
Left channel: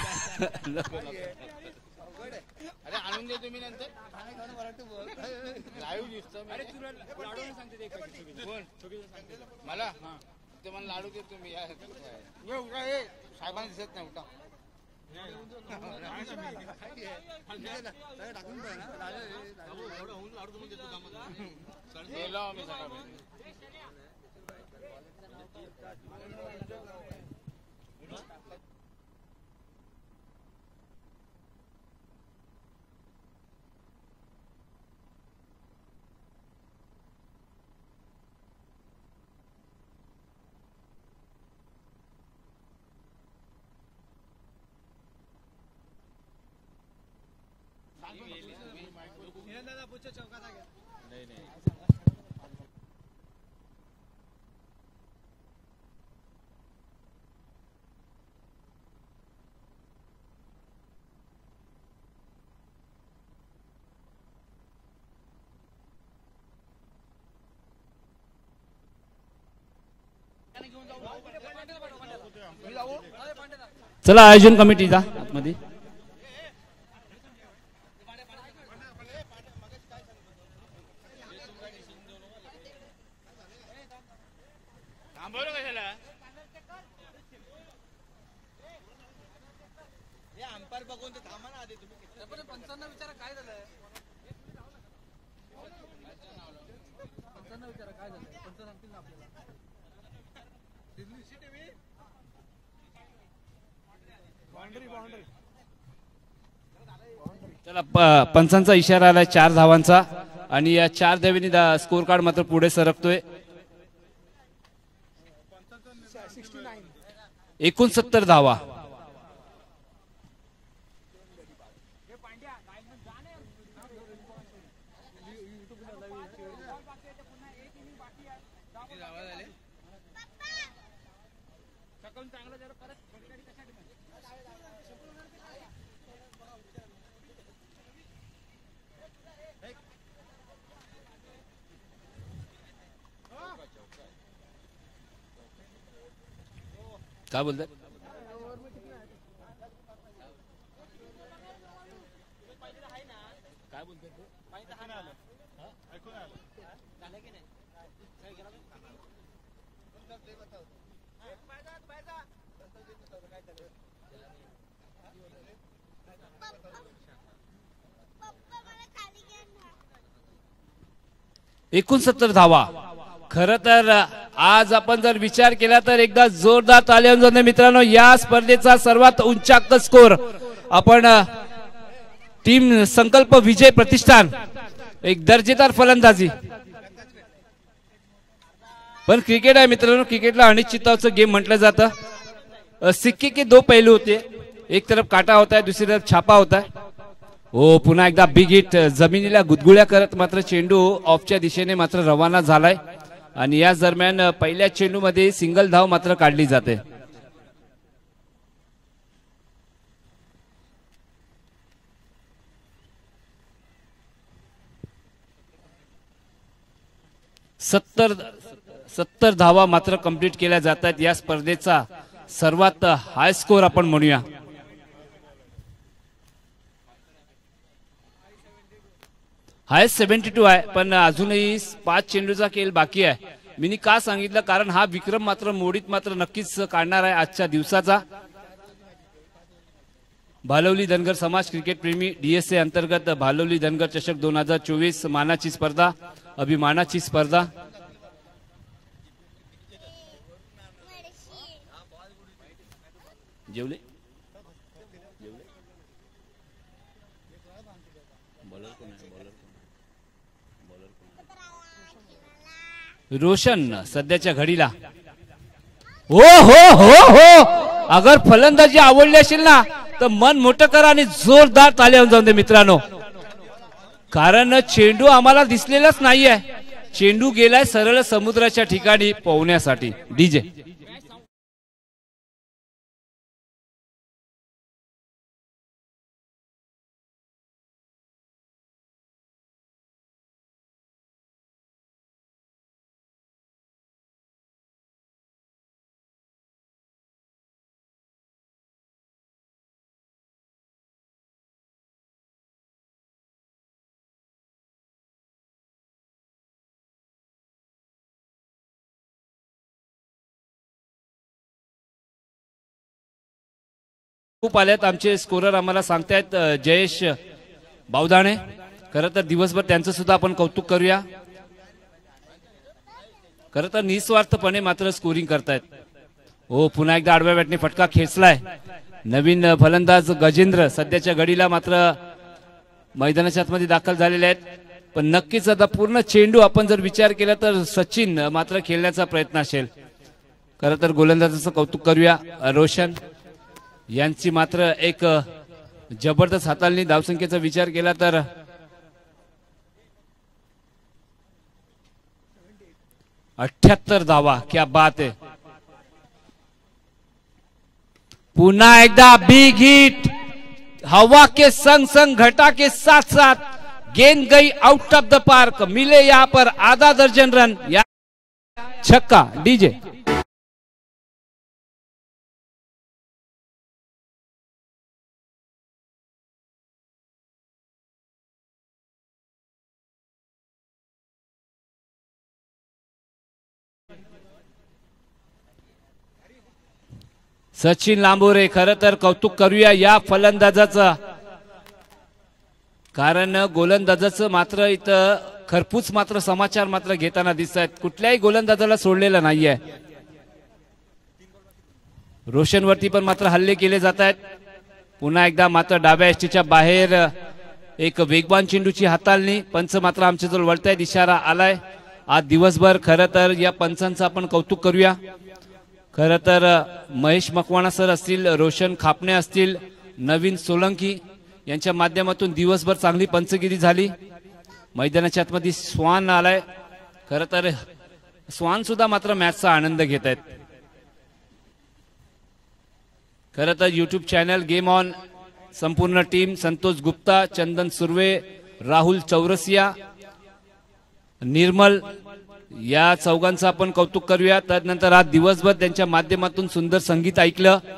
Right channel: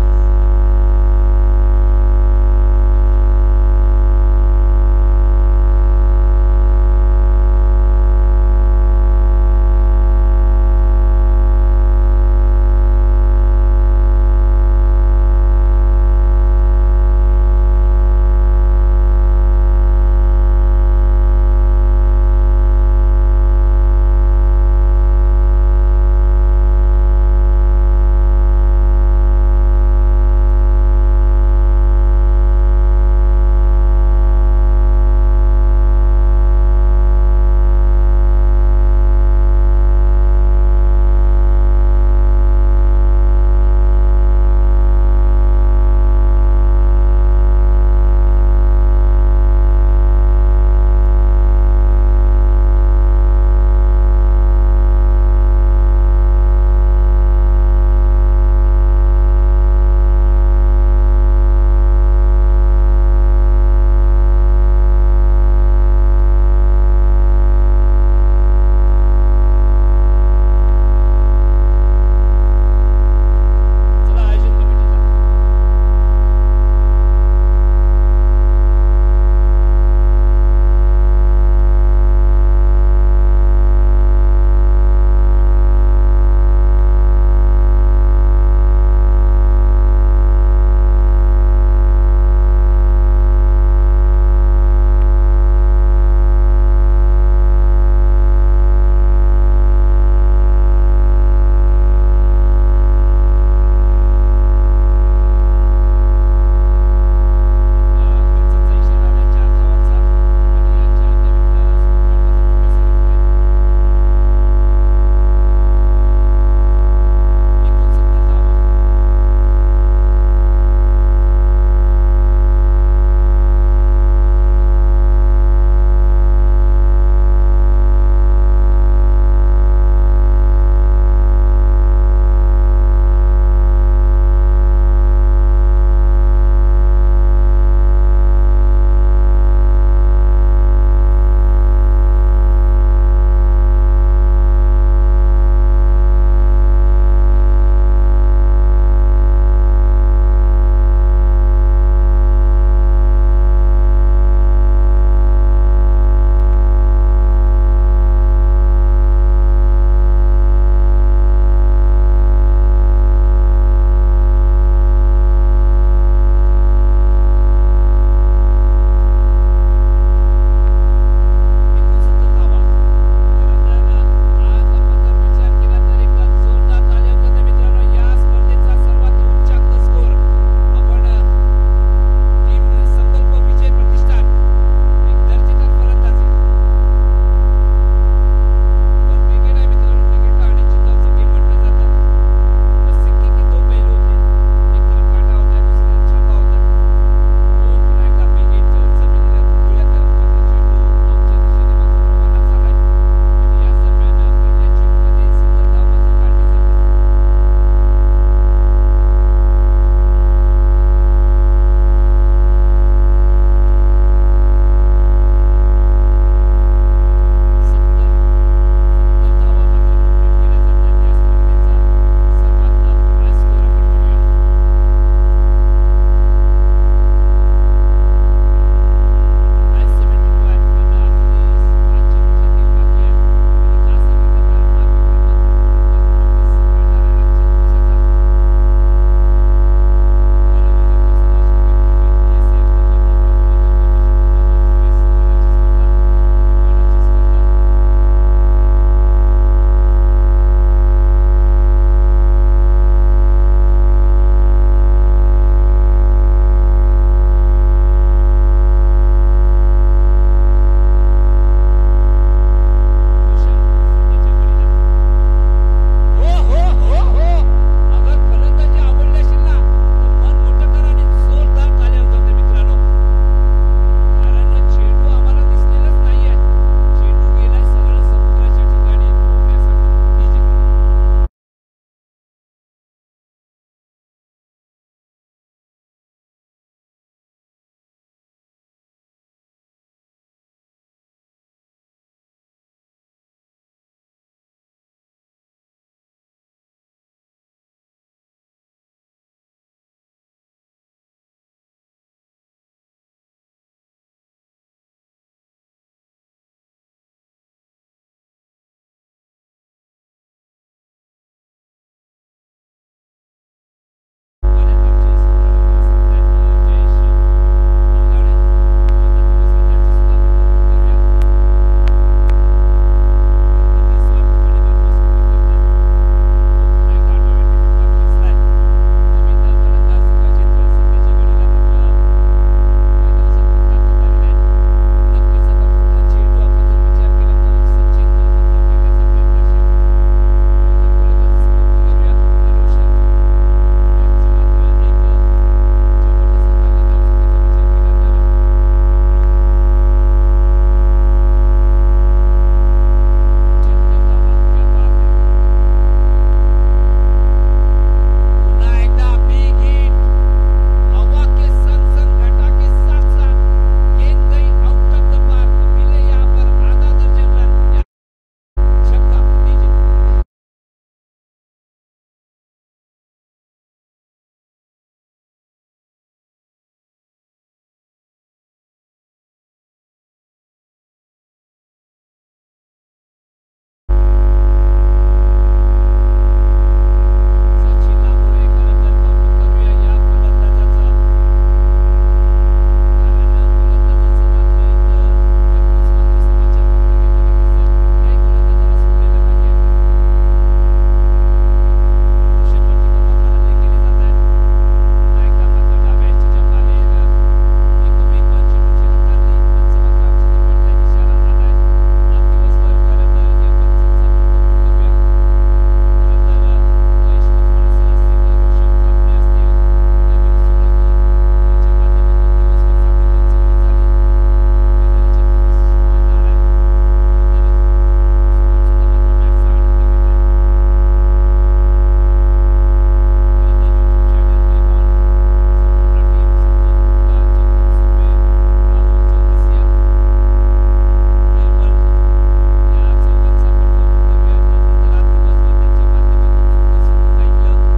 चला आयोजन कमिटीचा पंचांचा इशारा आलाय 4 धावांचा आणि या 4 धावांनी स्कोर कार्ड मात्र पुढे सरकतोय. 69 धावा. धावा. खरं तर आज आपण जर विचार केला तर एकदा जोरदार ताली वाजवून मित्रांनो, या स्पर्धेचा सर्वात उंचाक स्कोर आपण टीम संकल्प विजय प्रतिष्ठान, एक दर्जेदार फलंदाजी. पण क्रिकेट आहे मित्रांनो, क्रिकेटला अनिश्चितताचं गेम म्हटलं जातं. सिक्के के 2 पहलू होते, एक तरफ काटा होता है, दुसरी तरफ छापा होता है. हो, पुन्हा एकदा बिग हिट जमिनीला गुदगुळ्या करत मात्र चेंडू ऑफच्या दिशेने मात्र रवाना झालाय आणि या दरम्यान पहिल्या चेंडूमध्ये सिंगल धाव मात्र काढली जाते. सत्तर धावा मात्र कंप्लीट केल्या जात आहेत. या स्पर्धेचा सर्वात हाय स्कोर आपण म्हणूया. हाय 72 आहे, पण अजूनही 5 चेंडूचा खेळ बाकी आहे. मी का सांगितलं, कारण हा विक्रम मात्र मोडीत मात्र नक्कीच काढणार आहे आजच्या दिवसाचा. भालवली धनगर समाज क्रिकेट प्रेमी DSA अंतर्गत भालवली धनगर चषक 2024 मानाची स्पर्धा, अभिमानाची स्पर्धा. रोशन सध्याच्या घडीला हो हो हो हो, अगर फलंदाजी आवडली असेल ना तर मन मोठं करा आणि जोरदार ताली वाजवून दे मित्रांनो, कारण चेंडू आम्हाला दिसलेलाच नाहीये. चेंडू गेलाय सरळ समुद्राच्या ठिकाणी पोहण्यासाठी. डीजे आल्यात आमचे स्कोरर आम्हाला सांगतायत जयेश बावदाणे. खरं तर दिवसभर त्यांचं सुद्धा आपण कौतुक करूया. खरं तर निस्वार्थपणे मात्र स्कोरिंग करतायत. हो, पुन्हा एकदा आडव्या बॅटने फटका खेचलाय. नवीन फलंदाज गजेंद्र सध्याच्या घडीला मात्र मैदानाच्या आतमध्ये दाखल झालेले आहेत. पण नक्कीच आता पूर्ण चेंडू आपण जर विचार केला तर सचिन मात्र खेळण्याचा प्रयत्न असेल. खरं तर गोलंदाजाचं कौतुक करूया. रोशन यांची मात्र एक जबरदस्त हाताळणी. धावसंख्येचा विचार केला तर 78 धावा. क्या बात है. पुन्हा एकदा बिग हिट, हवा के संग संग घटा के साथ साथ गेंद गई आउट ऑफ द पार्क. मिले यहाँ पर आधा दर्जन रन. छक्का. डीजे सचिन लांबोरे. खरं तर कौतुक करूया या फलंदाजाचा, कारण गोलंदाजाचं मात्र इथं खरपूस मात्र समाचार मात्र घेताना दिसत आहेत. कुठल्याही गोलंदाजाला सोडलेलं नाहीये. रोशनवरती पण मात्र हल्ले केले जात आहेत. पुन्हा एकदा मात्र डाव्या एसटीच्या बाहेर एक वेगवान चेंडूची हाताळणी. पंच मात्र आमच्याजवळ वळतायत, इशारा आलाय. आज दिवसभर खरं तर या पंचांचं आपण कौतुक करूया. खरं तर महेश मकवाना सर असतील, रोशन खापणे असतील, नवीन सोलंकी यांच्या माध्यमातून दिवसभर चांगली पंचगिरी झाली. मैदानाच्या आतमध्ये स्वान आलाय. खरं तर स्वान सुद्धा मात्र मॅचचा आनंद घेत आहेत. खरं तर यूट्यूब चॅनल गेम ऑन संपूर्ण टीम, संतोष गुप्ता, चंदन सुर्वे, राहुल चौरसिया, निर्मल, या चौघांचं आपण कौतुक करूया. त्यानंतर आज दिवसभर त्यांच्या माध्यमातून सुंदर संगीत ऐकलं.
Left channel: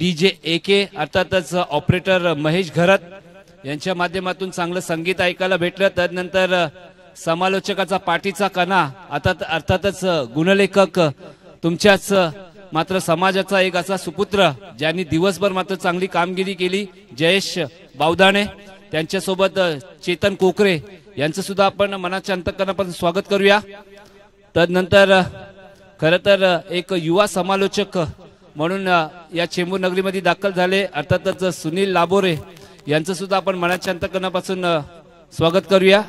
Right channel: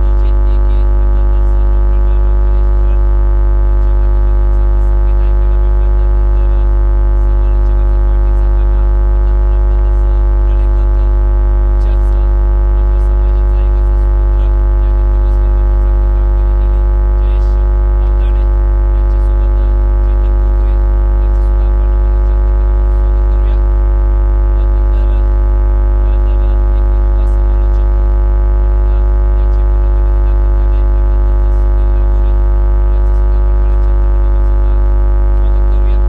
DJ AK अर्थातच ऑपरेटर महेश घरत यांच्या माध्यमातून चांगलं संगीत ऐकायला भेटलं. त्यानंतर समालोचकाचा पाठीचा कणा अर्थातच गुणलेखक तुमच्याच मात्र समाजाचा एक असा सुपुत्र ज्यांनी दिवसभर मात्र चांगली कामगिरी केली, जयेश बावदाणे. त्यांच्यासोबत चेतन कोकरे यांचं सुद्धा आपण मनाच्या अंतःकरणापासून स्वागत करूया. तदनंतर खरं तर एक युवा समालोचक म्हणून या चेंबूर नगरीमध्ये दाखल झाले अर्थातच सुनील लाबोरे यांचं सुद्धा आपण मनाच्या अंतःकरणापासून स्वागत करूया.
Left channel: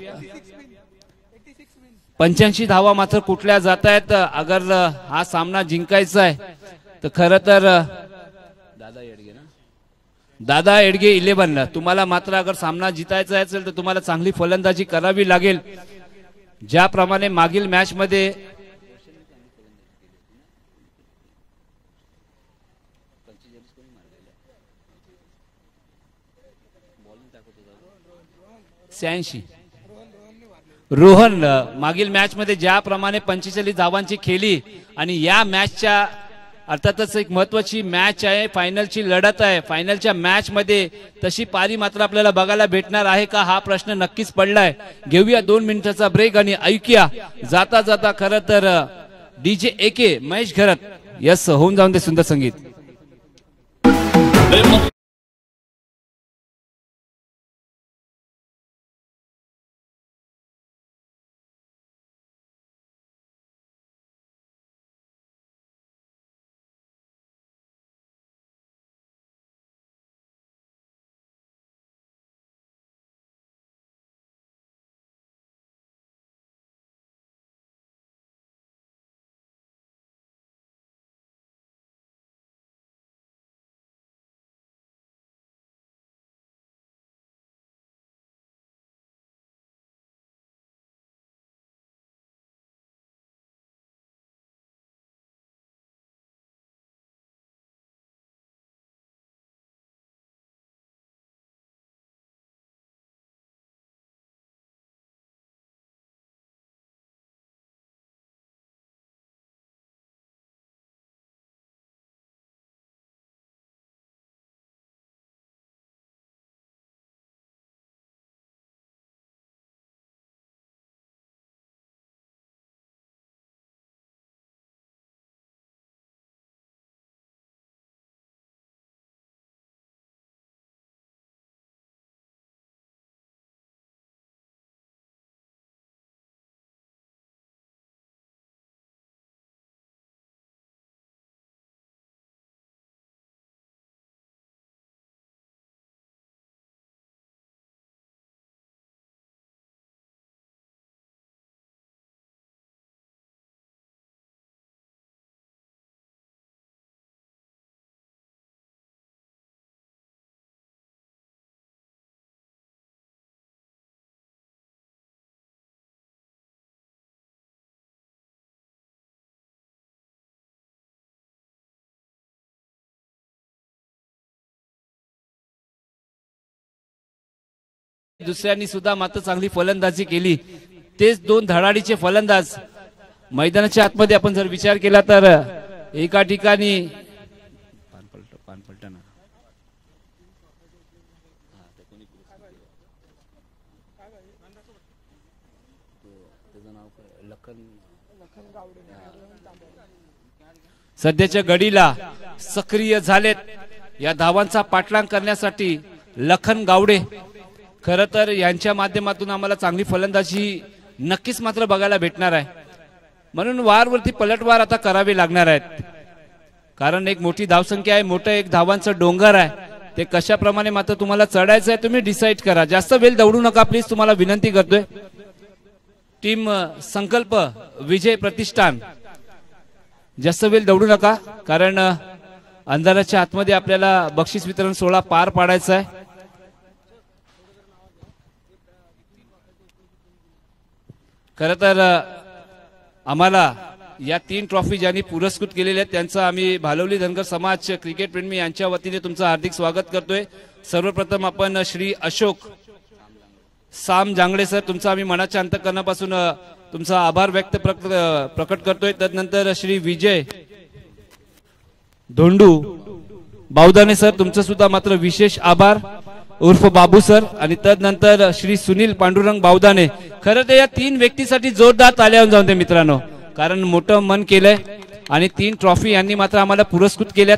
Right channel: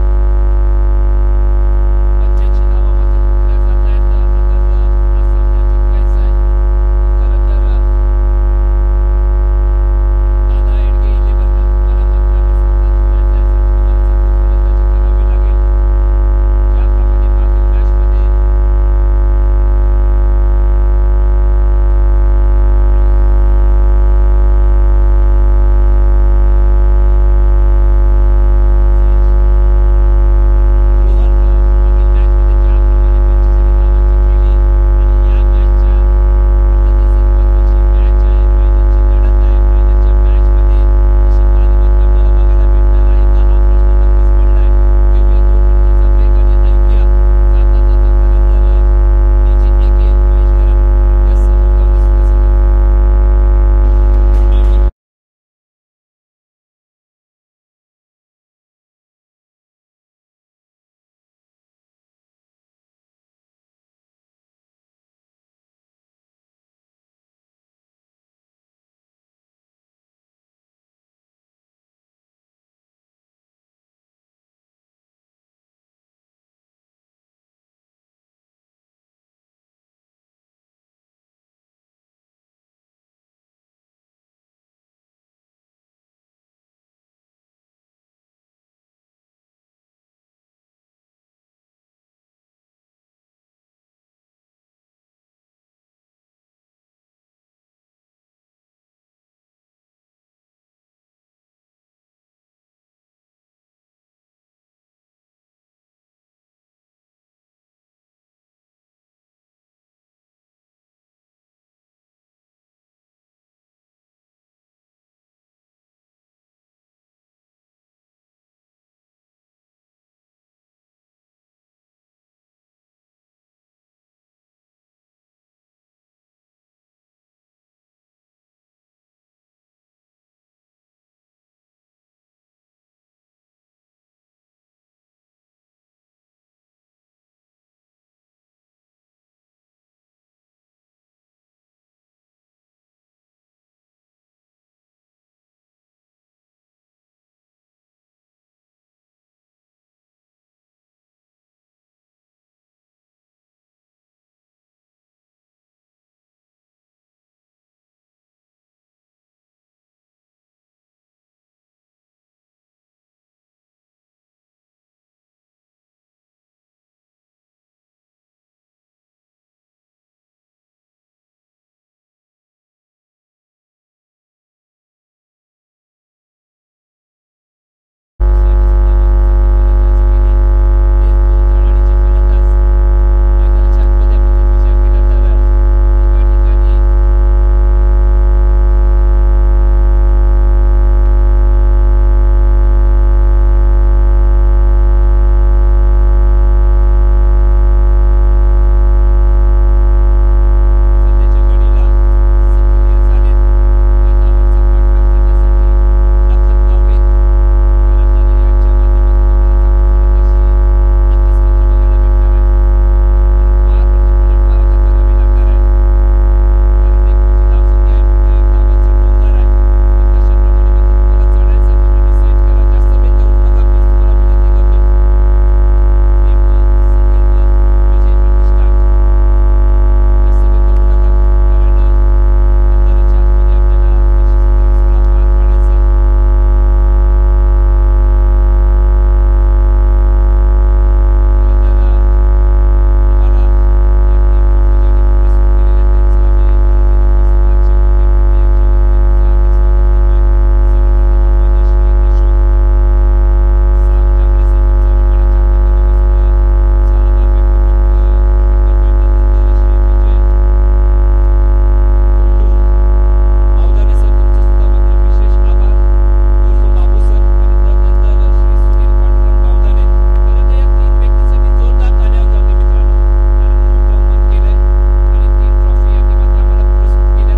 85 धावा मात्र कुठल्या जात आहेत. अगर हा सामना जिंकायचा आहे तर खरं तर दादा एडगे 11 तुम्हाला मात्र अगर सामना जिंकायचा असेल तर तुम्हाला चांगली फलंदाजी करावी लागेल. ज्याप्रमाणे मागील मॅच मध्ये रोहन मागील मॅच मध्ये ज्याप्रमाणे 45 धावांची खेळली आणि या मॅचच्या अर्थातच एक महत्त्वाची मॅच आहे, फायनलची लढत आहे. फायनलच्या मॅच मध्ये तशी पारी मात्र आपल्याला बघायला भेटणार आहे का हा प्रश्न नक्कीच पडलाय. घेऊया 2 मिनिटाचा ब्रेक आणि ऐकूया जाता जाता खरं तर DJ AK महेश घरत यस होऊन जाऊन ते सुंदर संगीत. दुसऱ्यांनी सुद्धा मात्र चांगली फलंदाजी केली. तेच 2 धडाडीचे फलंदाज मैदानाच्या आतमध्ये आपण जर विचार केला तर एका ठिकाणी सध्याच्या घडीला सक्रिय झालेत या धावांचा पाठलाग करण्यासाठी लखन गावडे. खरं तर यांच्या माध्यमातून आम्हाला चांगली फलंदाजी नक्कीच मात्र बघायला भेटणार आहे. म्हणून वारवरती पलटवार आता करावे लागणार आहेत कारण एक मोठी धावसंख्या आहे, मोठं एक धावांचं डोंगर आहे. ते कशाप्रमाणे मात्र तुम्हाला चढायचं आहे तुम्ही डिसाईड करा. जास्त वेळ दौडू नका प्लीज, तुम्हाला विनंती करतोय. टीम संकल्प विजय प्रतिष्ठान, जास्त वेळ दौडू नका, कारण अंधाराच्या आतमध्ये आपल्याला बक्षीस वितरण सोहळा पार पाडायचा आहे. खरं तर आम्हाला या 3 ट्रॉफी ज्यांनी पुरस्कृत केलेल्या आहेत त्यांचं आम्ही भालवली धनगर समाज क्रिकेट प्रेमी यांच्या वतीने तुमचं हार्दिक स्वागत करतोय. सर्वप्रथम आपण श्री अशोक साम जांगडे सर, तुमचा आम्ही मनाच्या अंतःकरणापासून तुमचा आभार व्यक्त प्रकट करतोय. तदनंतर श्री विजय धोंडू बावदाने सर, तुमचं सुद्धा मात्र विशेष आभार उर्फ बाबू सर. आणि तदनंतर श्री सुनील पांडुरंग बावदाने. खरं तर या 3 व्यक्तीसाठी जोरदार ताल्या जाऊन दे मित्रांनो, कारण मोठं मन केलंय आणि 3 ट्रॉफी यांनी मात्र आम्हाला पुरस्कृत केल्यात.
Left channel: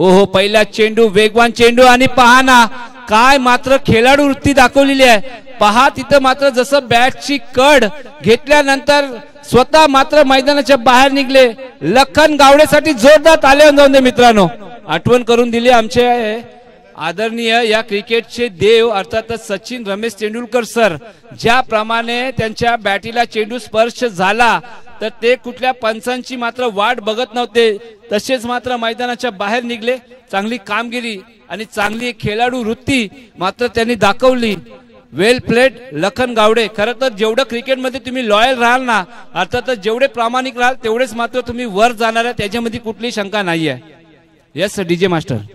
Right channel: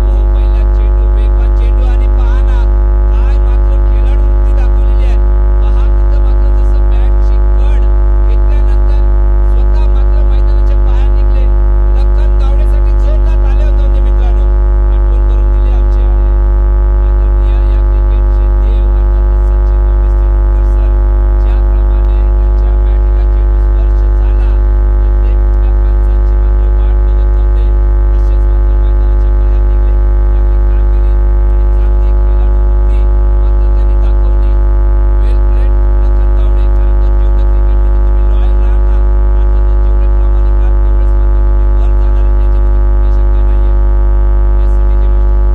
ओहो, पहिला चेंडू, वेगवान चेंडू, आणि पहा ना काय मात्र खेळाडू वृत्ती दाखवलेली आहे. पहा तिथं मात्र जसं बॅटची कड घेतल्यानंतर स्वतः मात्र मैदानाच्या बाहेर निघले. लखन गावडेसाठी जोरदार ताल्या जाऊन दे मित्रांनो. आठवण करून दिली आमचे आदरणीय या क्रिकेटचे देव अर्थातच सचिन रमेश तेंडुलकर सर. ज्याप्रमाणे त्यांच्या बॅटीला चेंडू स्पर्श झाला तर ते कुठल्या पंचांची मात्र वाट बघत नव्हते, तसेच मात्र मैदानाच्या बाहेर निघले. चांगली कामगिरी आणि चांगली खेळाडू वृत्ती मात्र त्यांनी दाखवली. वेल प्लेड लखन गावडे. खरं तर जेवढं क्रिकेटमध्ये तुम्ही लॉयल राहाल ना, अर्थातच जेवढे प्रामाणिक राहाल तेवढेच मात्र तुम्ही वर जाणार आहे, त्याच्यामध्ये कुठली शंका नाहीये. Yes DJ master.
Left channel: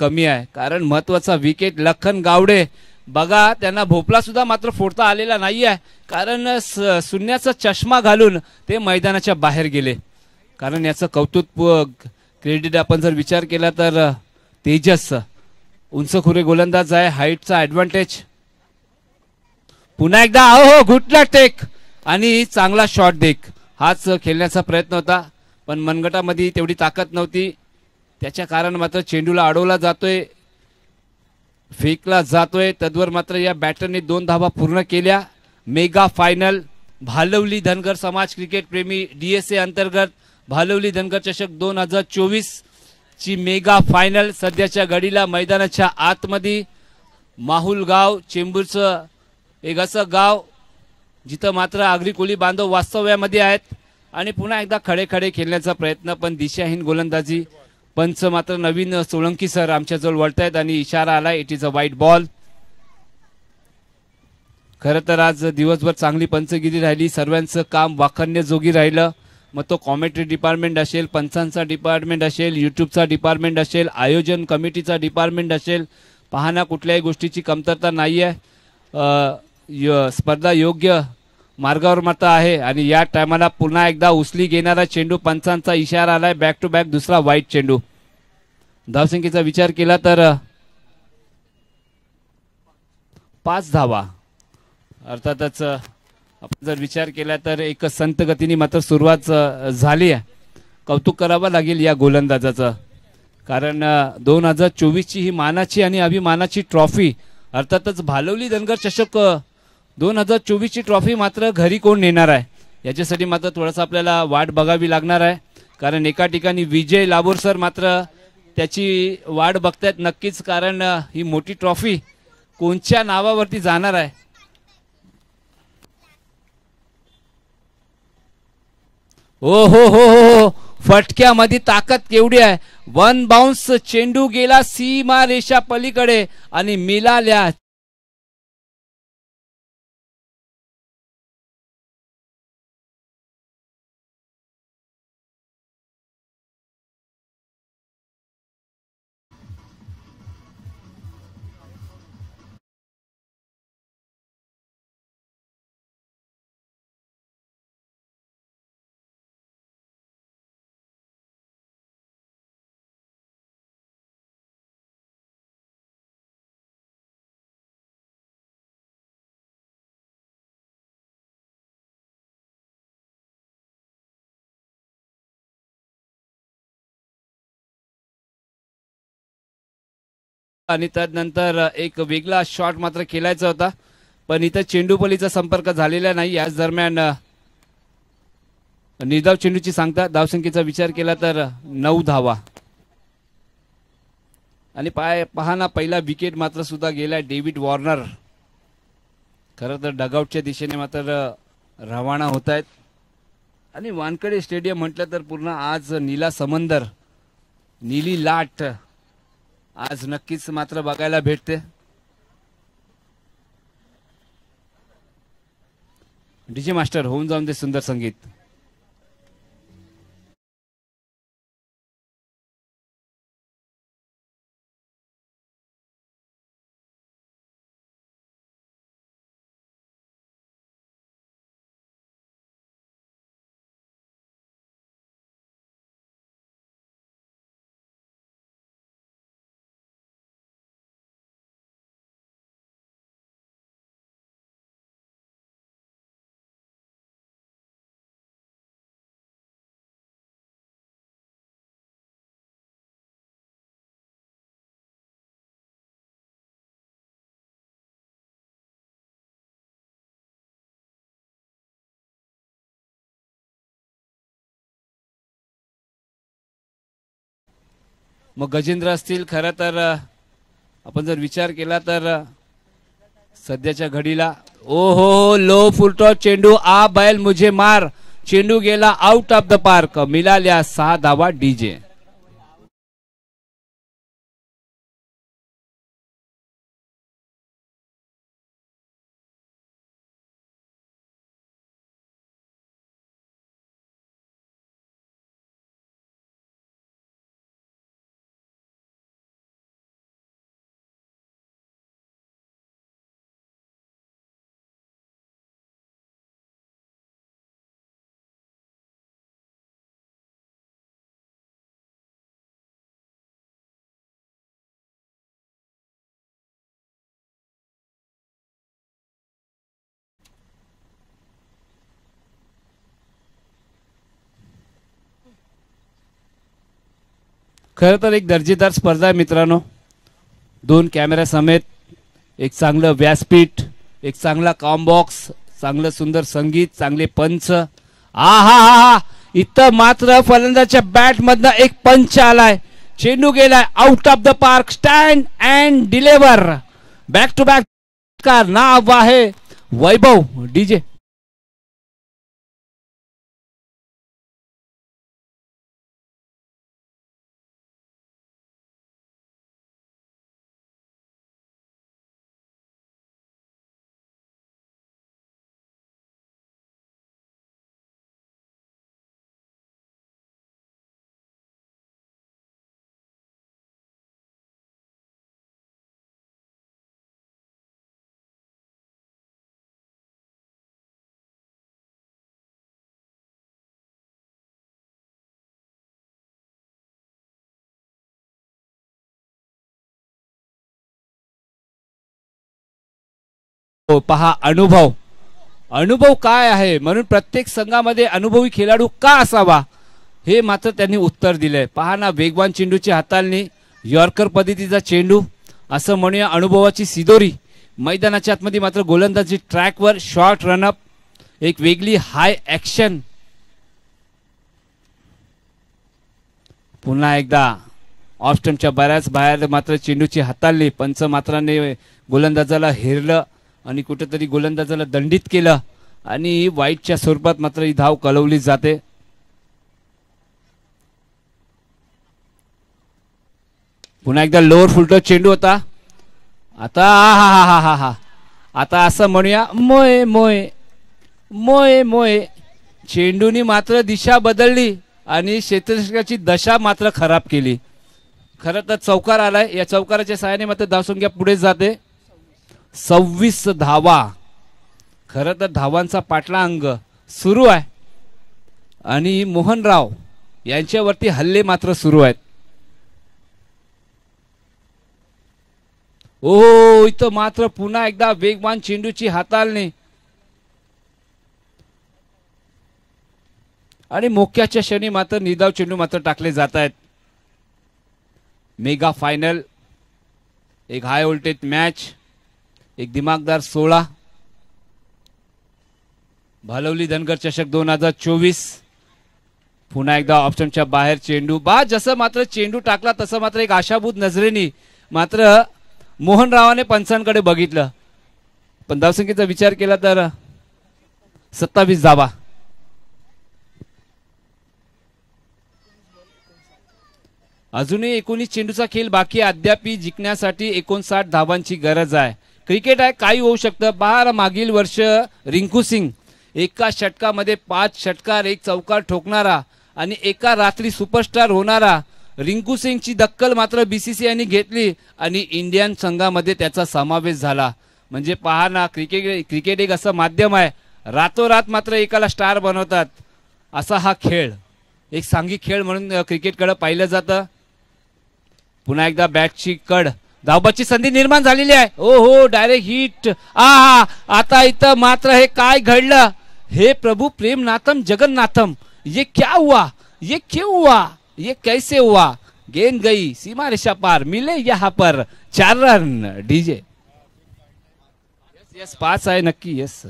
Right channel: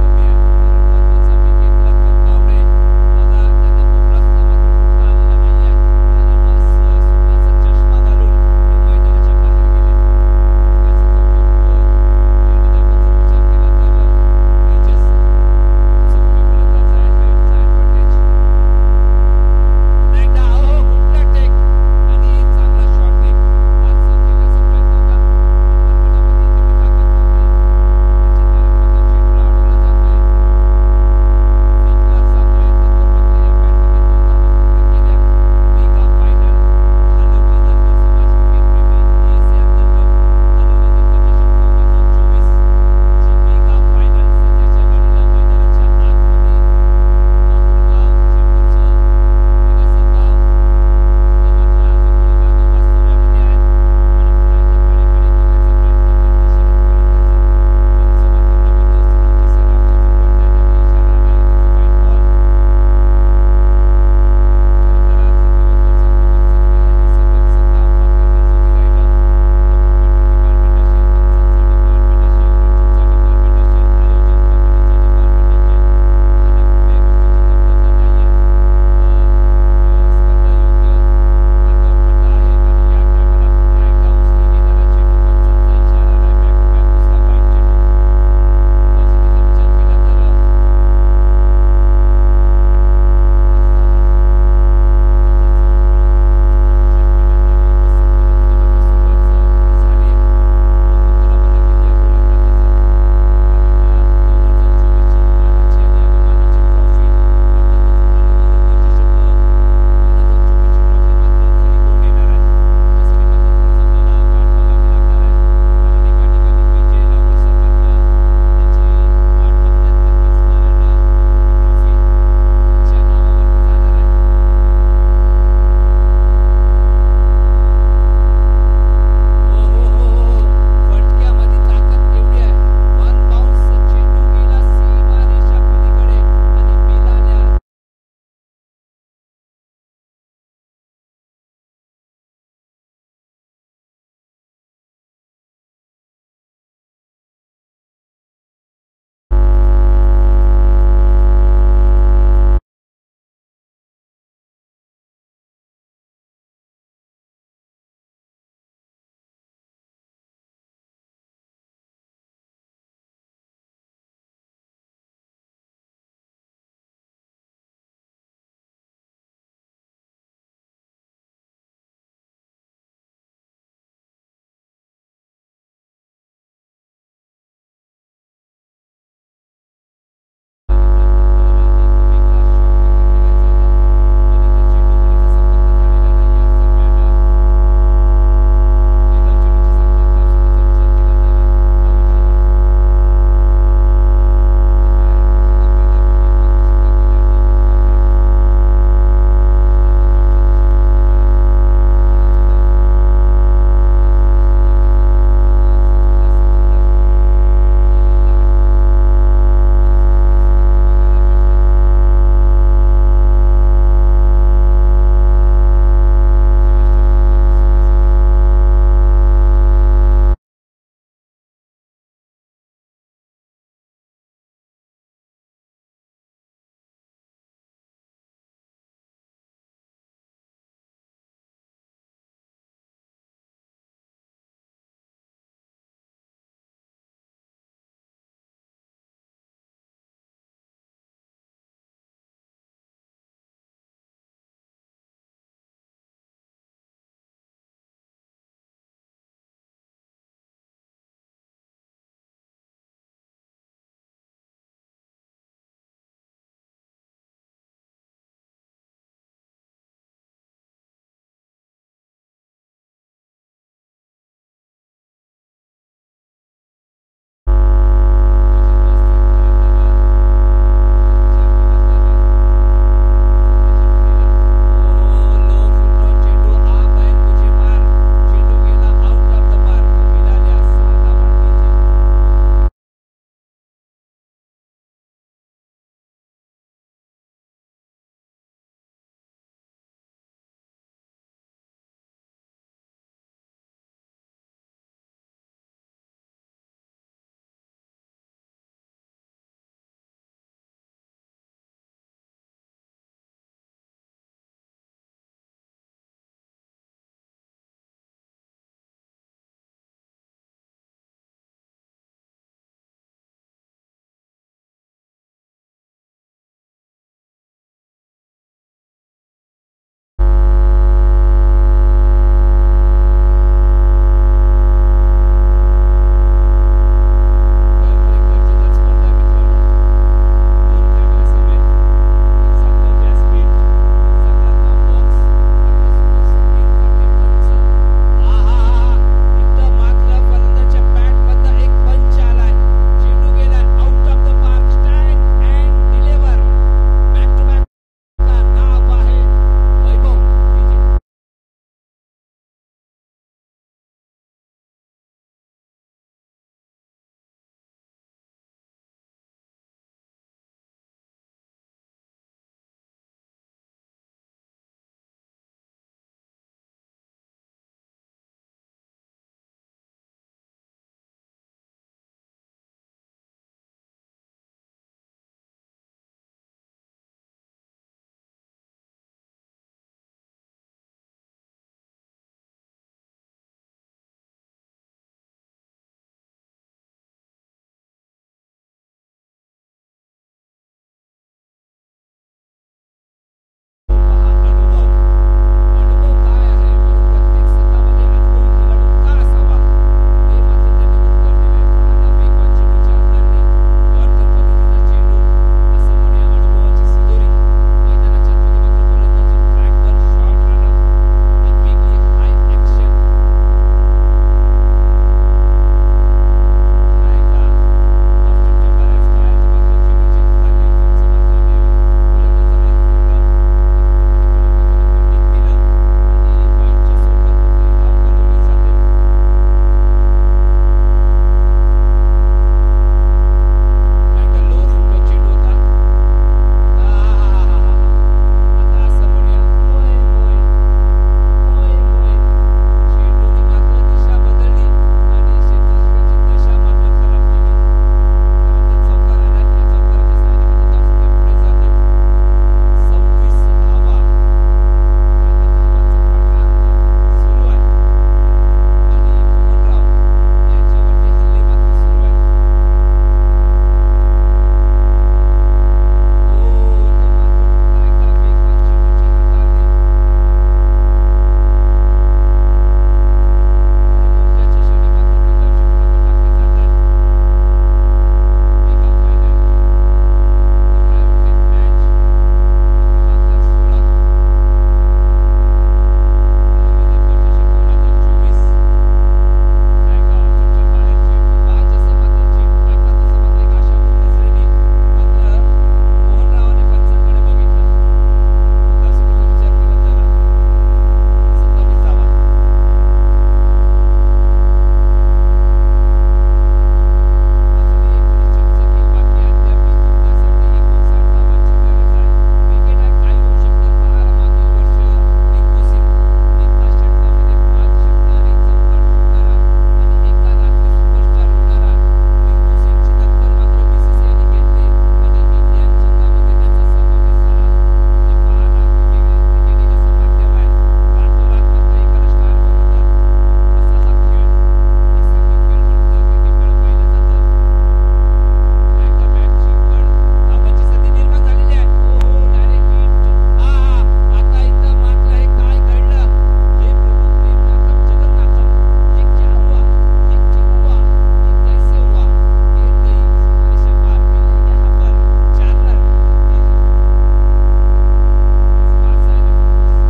कमी आहे, कारण महत्वाचा विकेट लखन गावडे. बघा त्यांना भोपळा सुद्धा मात्र फोडता आलेला नाही आहे, कारण शून्याचा चष्मा घालून ते मैदानाच्या बाहेर गेले. कारण याचं कौतुक क्रेडिट आपण जर विचार केला तर तेजस उंचखुरे गोलंदाज आहे, हाईटचा ऍडव्हान्टेज. पुन्हा एकदा हो गुटला टेक आणि चांगला शॉट टेक. हाच खेळण्याचा प्रयत्न होता, पण मनगटामध्ये तेवढी ताकद नव्हती, त्याच्या कारण मात्र चेंडूला अडवला जातोय, फेकला जातोय. तद्वर मात्र या बॅटरने 2 धावा पूर्ण केल्या. मेगा फायनल भालवली धनगर समाज क्रिकेट प्रेमी DSA अंतर्गत भालवली धनगर चषक 2024 ची मेगा फायनल सध्याच्या घडीला मैदानाच्या आतमध्ये माहुल गाव, चेंबूरचं एक असं गाव जिथं मात्र आगरी कोळी बांधव वास्तव्यामध्ये आहेत आणि पुन्हा एकदा खडे खडे खेळण्याचा प्रयत्न, पण दिशाहीन गोलंदाजी. पंच मात्र नवीन सोळंकी सर आमच्याजवळ वळतायत आणि इशारा आला, it is a white ball. खरं तर आज दिवसभर चांगली पंचगिरी राहिली, सर्वांचं काम वाखाणण्याजोगी राहिलं. मग तो कॉमेंट्री डिपार्टमेंट असेल, पंचांचा डिपार्टमेंट असेल, युट्यूबचा डिपार्टमेंट असेल, आयोजन कमिटीचा डिपार्टमेंट असेल, पाहणा कुठल्याही गोष्टीची कमतरता नाहीये. स्पर्धा योग्य मार्गावर मात्र आहे आणि या टायमाला पुन्हा एकदा उचली घेणारा चेंडू, पंचांचा इशारा आलाय, बॅक टू बॅक दुसरा वाईट चेंडू. धावसंख्येचा विचार केला तर 5 धावा अर्थातच जर विचार केला तर एक संत गतीने मात्र सुरुवात झाली आहे. कौतुक करावं लागेल या गोलंदाजाचं, कारण 2024 ची ही मानाची आणि अभिमानाची ट्रॉफी अर्थातच भालवली धनगर चषक 2024 ची ट्रॉफी मात्र घरी कोण नेणार आहे याच्यासाठी मात्र थोडंसं आपल्याला वाट बघावी लागणार आहे. कारण एका ठिकाणी विजय लाबोरसर मात्र त्याची वाट बघतायत नक्कीच, कारण ही मोठी ट्रॉफी कोणत्या नावावरती जाणार आहे. ओ हो हो हो, फटक्यामध्ये ताकद केवढी आहे. वन बाउन्स चेंडू गेला सीमा रेषा पलीकडे आणि मिळाल्या आणि त्यानंतर एक वेगळा शॉट मात्र खेळायचा होता, पण इथं चेंडूपलीचा संपर्क झालेला नाही. याच दरम्यान निर्धाव चेंडूची सांगता धावसंख्येचा विचार केला तर 9 धावा आणि पहाना पहिला विकेट मात्र सुद्धा गेलाय डेव्हिड वॉर्नर. खरं तर डगआउटच्या दिशेने मात्र रवाना होत आहेत आणि वानखेडे स्टेडियम म्हटलं तर पूर्ण आज नीला समंदर, नीली लाट आज नक्कीच मात्र बघायला भेटते. डीजे मास्टर होऊन जाऊन दे सुंदर संगीत. गजेंद्र असतील. खरं तर आपण जर विचार केला तर सध्याच्या घडीला ओहो लो फुलटॉस चेंडू आ बैल मुझे मार, चेंडू गेला आउट ऑफ द पार्क. मिळाल्या 6 धावा डीजे. खरं तर एक दर्जेदार स्पर्धा आहे मित्रांनो. 2 कॅमेरा समेत एक चांगलं व्यासपीठ, एक चांगला कॉम्बॉक्स, चांगलं सुंदर संगीत, चांगले पंच. आहा, इथं मात्र फलंदाच्या बॅट मधनं एक पंच आलाय, चेंडू गेलाय out of the park. Stand and deliver, back to back. का नाव आहे वैभव डीजे. पहा अनुभव अनुभव काय आहे, म्हणून प्रत्येक संघामध्ये अनुभवी खेळाडू का असावा, हे मात्र त्यांनी उत्तर दिलंय. पहा ना, वेगवान चेंडूची हाताळणी, यॉर्कर पद्धतीचा चेंडू, असं म्हणूया अनुभवाची सिदोरी. मैदानाच्या आतमध्ये मात्र गोलंदाजी ट्रॅकवर शॉर्ट रनअप, एक वेगळी हाय ऍक्शन. पुन्हा एकदा ऑफ स्टंपच्या बऱ्याच बाहेर मात्र चेंडूची हाताळली. पंच मात्राने गोलंदाजाला हेरलं आणि कुठेतरी गोलंदाजाला दंडित केलं आणि वाईटच्या स्वरूपात मात्र ही धाव कळवली जाते. पुन्हा एकदा लोअर फुलटॉस चेंडू होता. आता आता असं म्हणूया, मोय मोय मोय मोय. चेंडूनी मात्र दिशा बदलली आणि क्षेत्ररक्षकाची दशा मात्र खराब केली. खरं तर चौकार आलाय, या चौकाराच्या सहाय्याने मात्र धावसंख्या पुढे जाते. 26 धावा. खरं तर धावांचा पाठलांग सुरू आहे आणि मोहनराव यांच्यावरती हल्ले मात्र सुरू आहेत. ओ, इथं मात्र पुन्हा एकदा वेगवान चेंडूची हाताळणी आणि मोक्याच्या क्षणी मात्र निदाव चेंडू मात्र टाकले जात आहेत. मेगा फायनल, एक हाय व्होल्टेज मॅच, एक दिमागदार 16. भालवली धनगर चषक 2024. पुन्हा एकदा ऑप्शनच्या बाहेर चेंडू. जसं मात्र चेंडू टाकला तसं मात्र एक आशाभूत नजरेने मात्र मोहनरावाने पंचांकडे बघितलं, पण धावसंख्येचा विचार केला तर 27 धावा. अजूनही 19 चेंडूचा खेळ बाकी. अद्याप जिंकण्यासाठी 59 धावांची गरज आहे. क्रिकेट आहे, काही होऊ शकतं. पहा, मागील वर्ष रिंकू सिंग एका षटकामध्ये 5 षटकार, 1 चौकार ठोकणारा आणि एका रात्री सुपरस्टार होणारा रिंकू सिंगची दक्कल मात्र बीसीसीआयने घेतली आणि इंडियन संघामध्ये त्याचा समावेश झाला. म्हणजे पहा ना, क्रिकेट एक असं माध्यम आहे, रातोरात मात्र एकाला स्टार बनवतात. असा हा खेळ, एक सांघिक खेळ म्हणून क्रिकेटकडे पाहिलं जातं. पुन्हा एकदा बॅटची कड, धावबाची संधी निर्माण झालेली आहे. ओ हो, डायरेक्ट हिट. आता इथं मात्र हे काय घडलं, हे प्रभू प्रेमनाथम जगन्नाथम, ये क्या हुआ, ये क्यों हुआ, ये कैसे हुआ. गेंद गई सीमा रेखा पार, मिले यहाँ पर 4 रन. डीजे यस, 5 आहे नक्की. यस,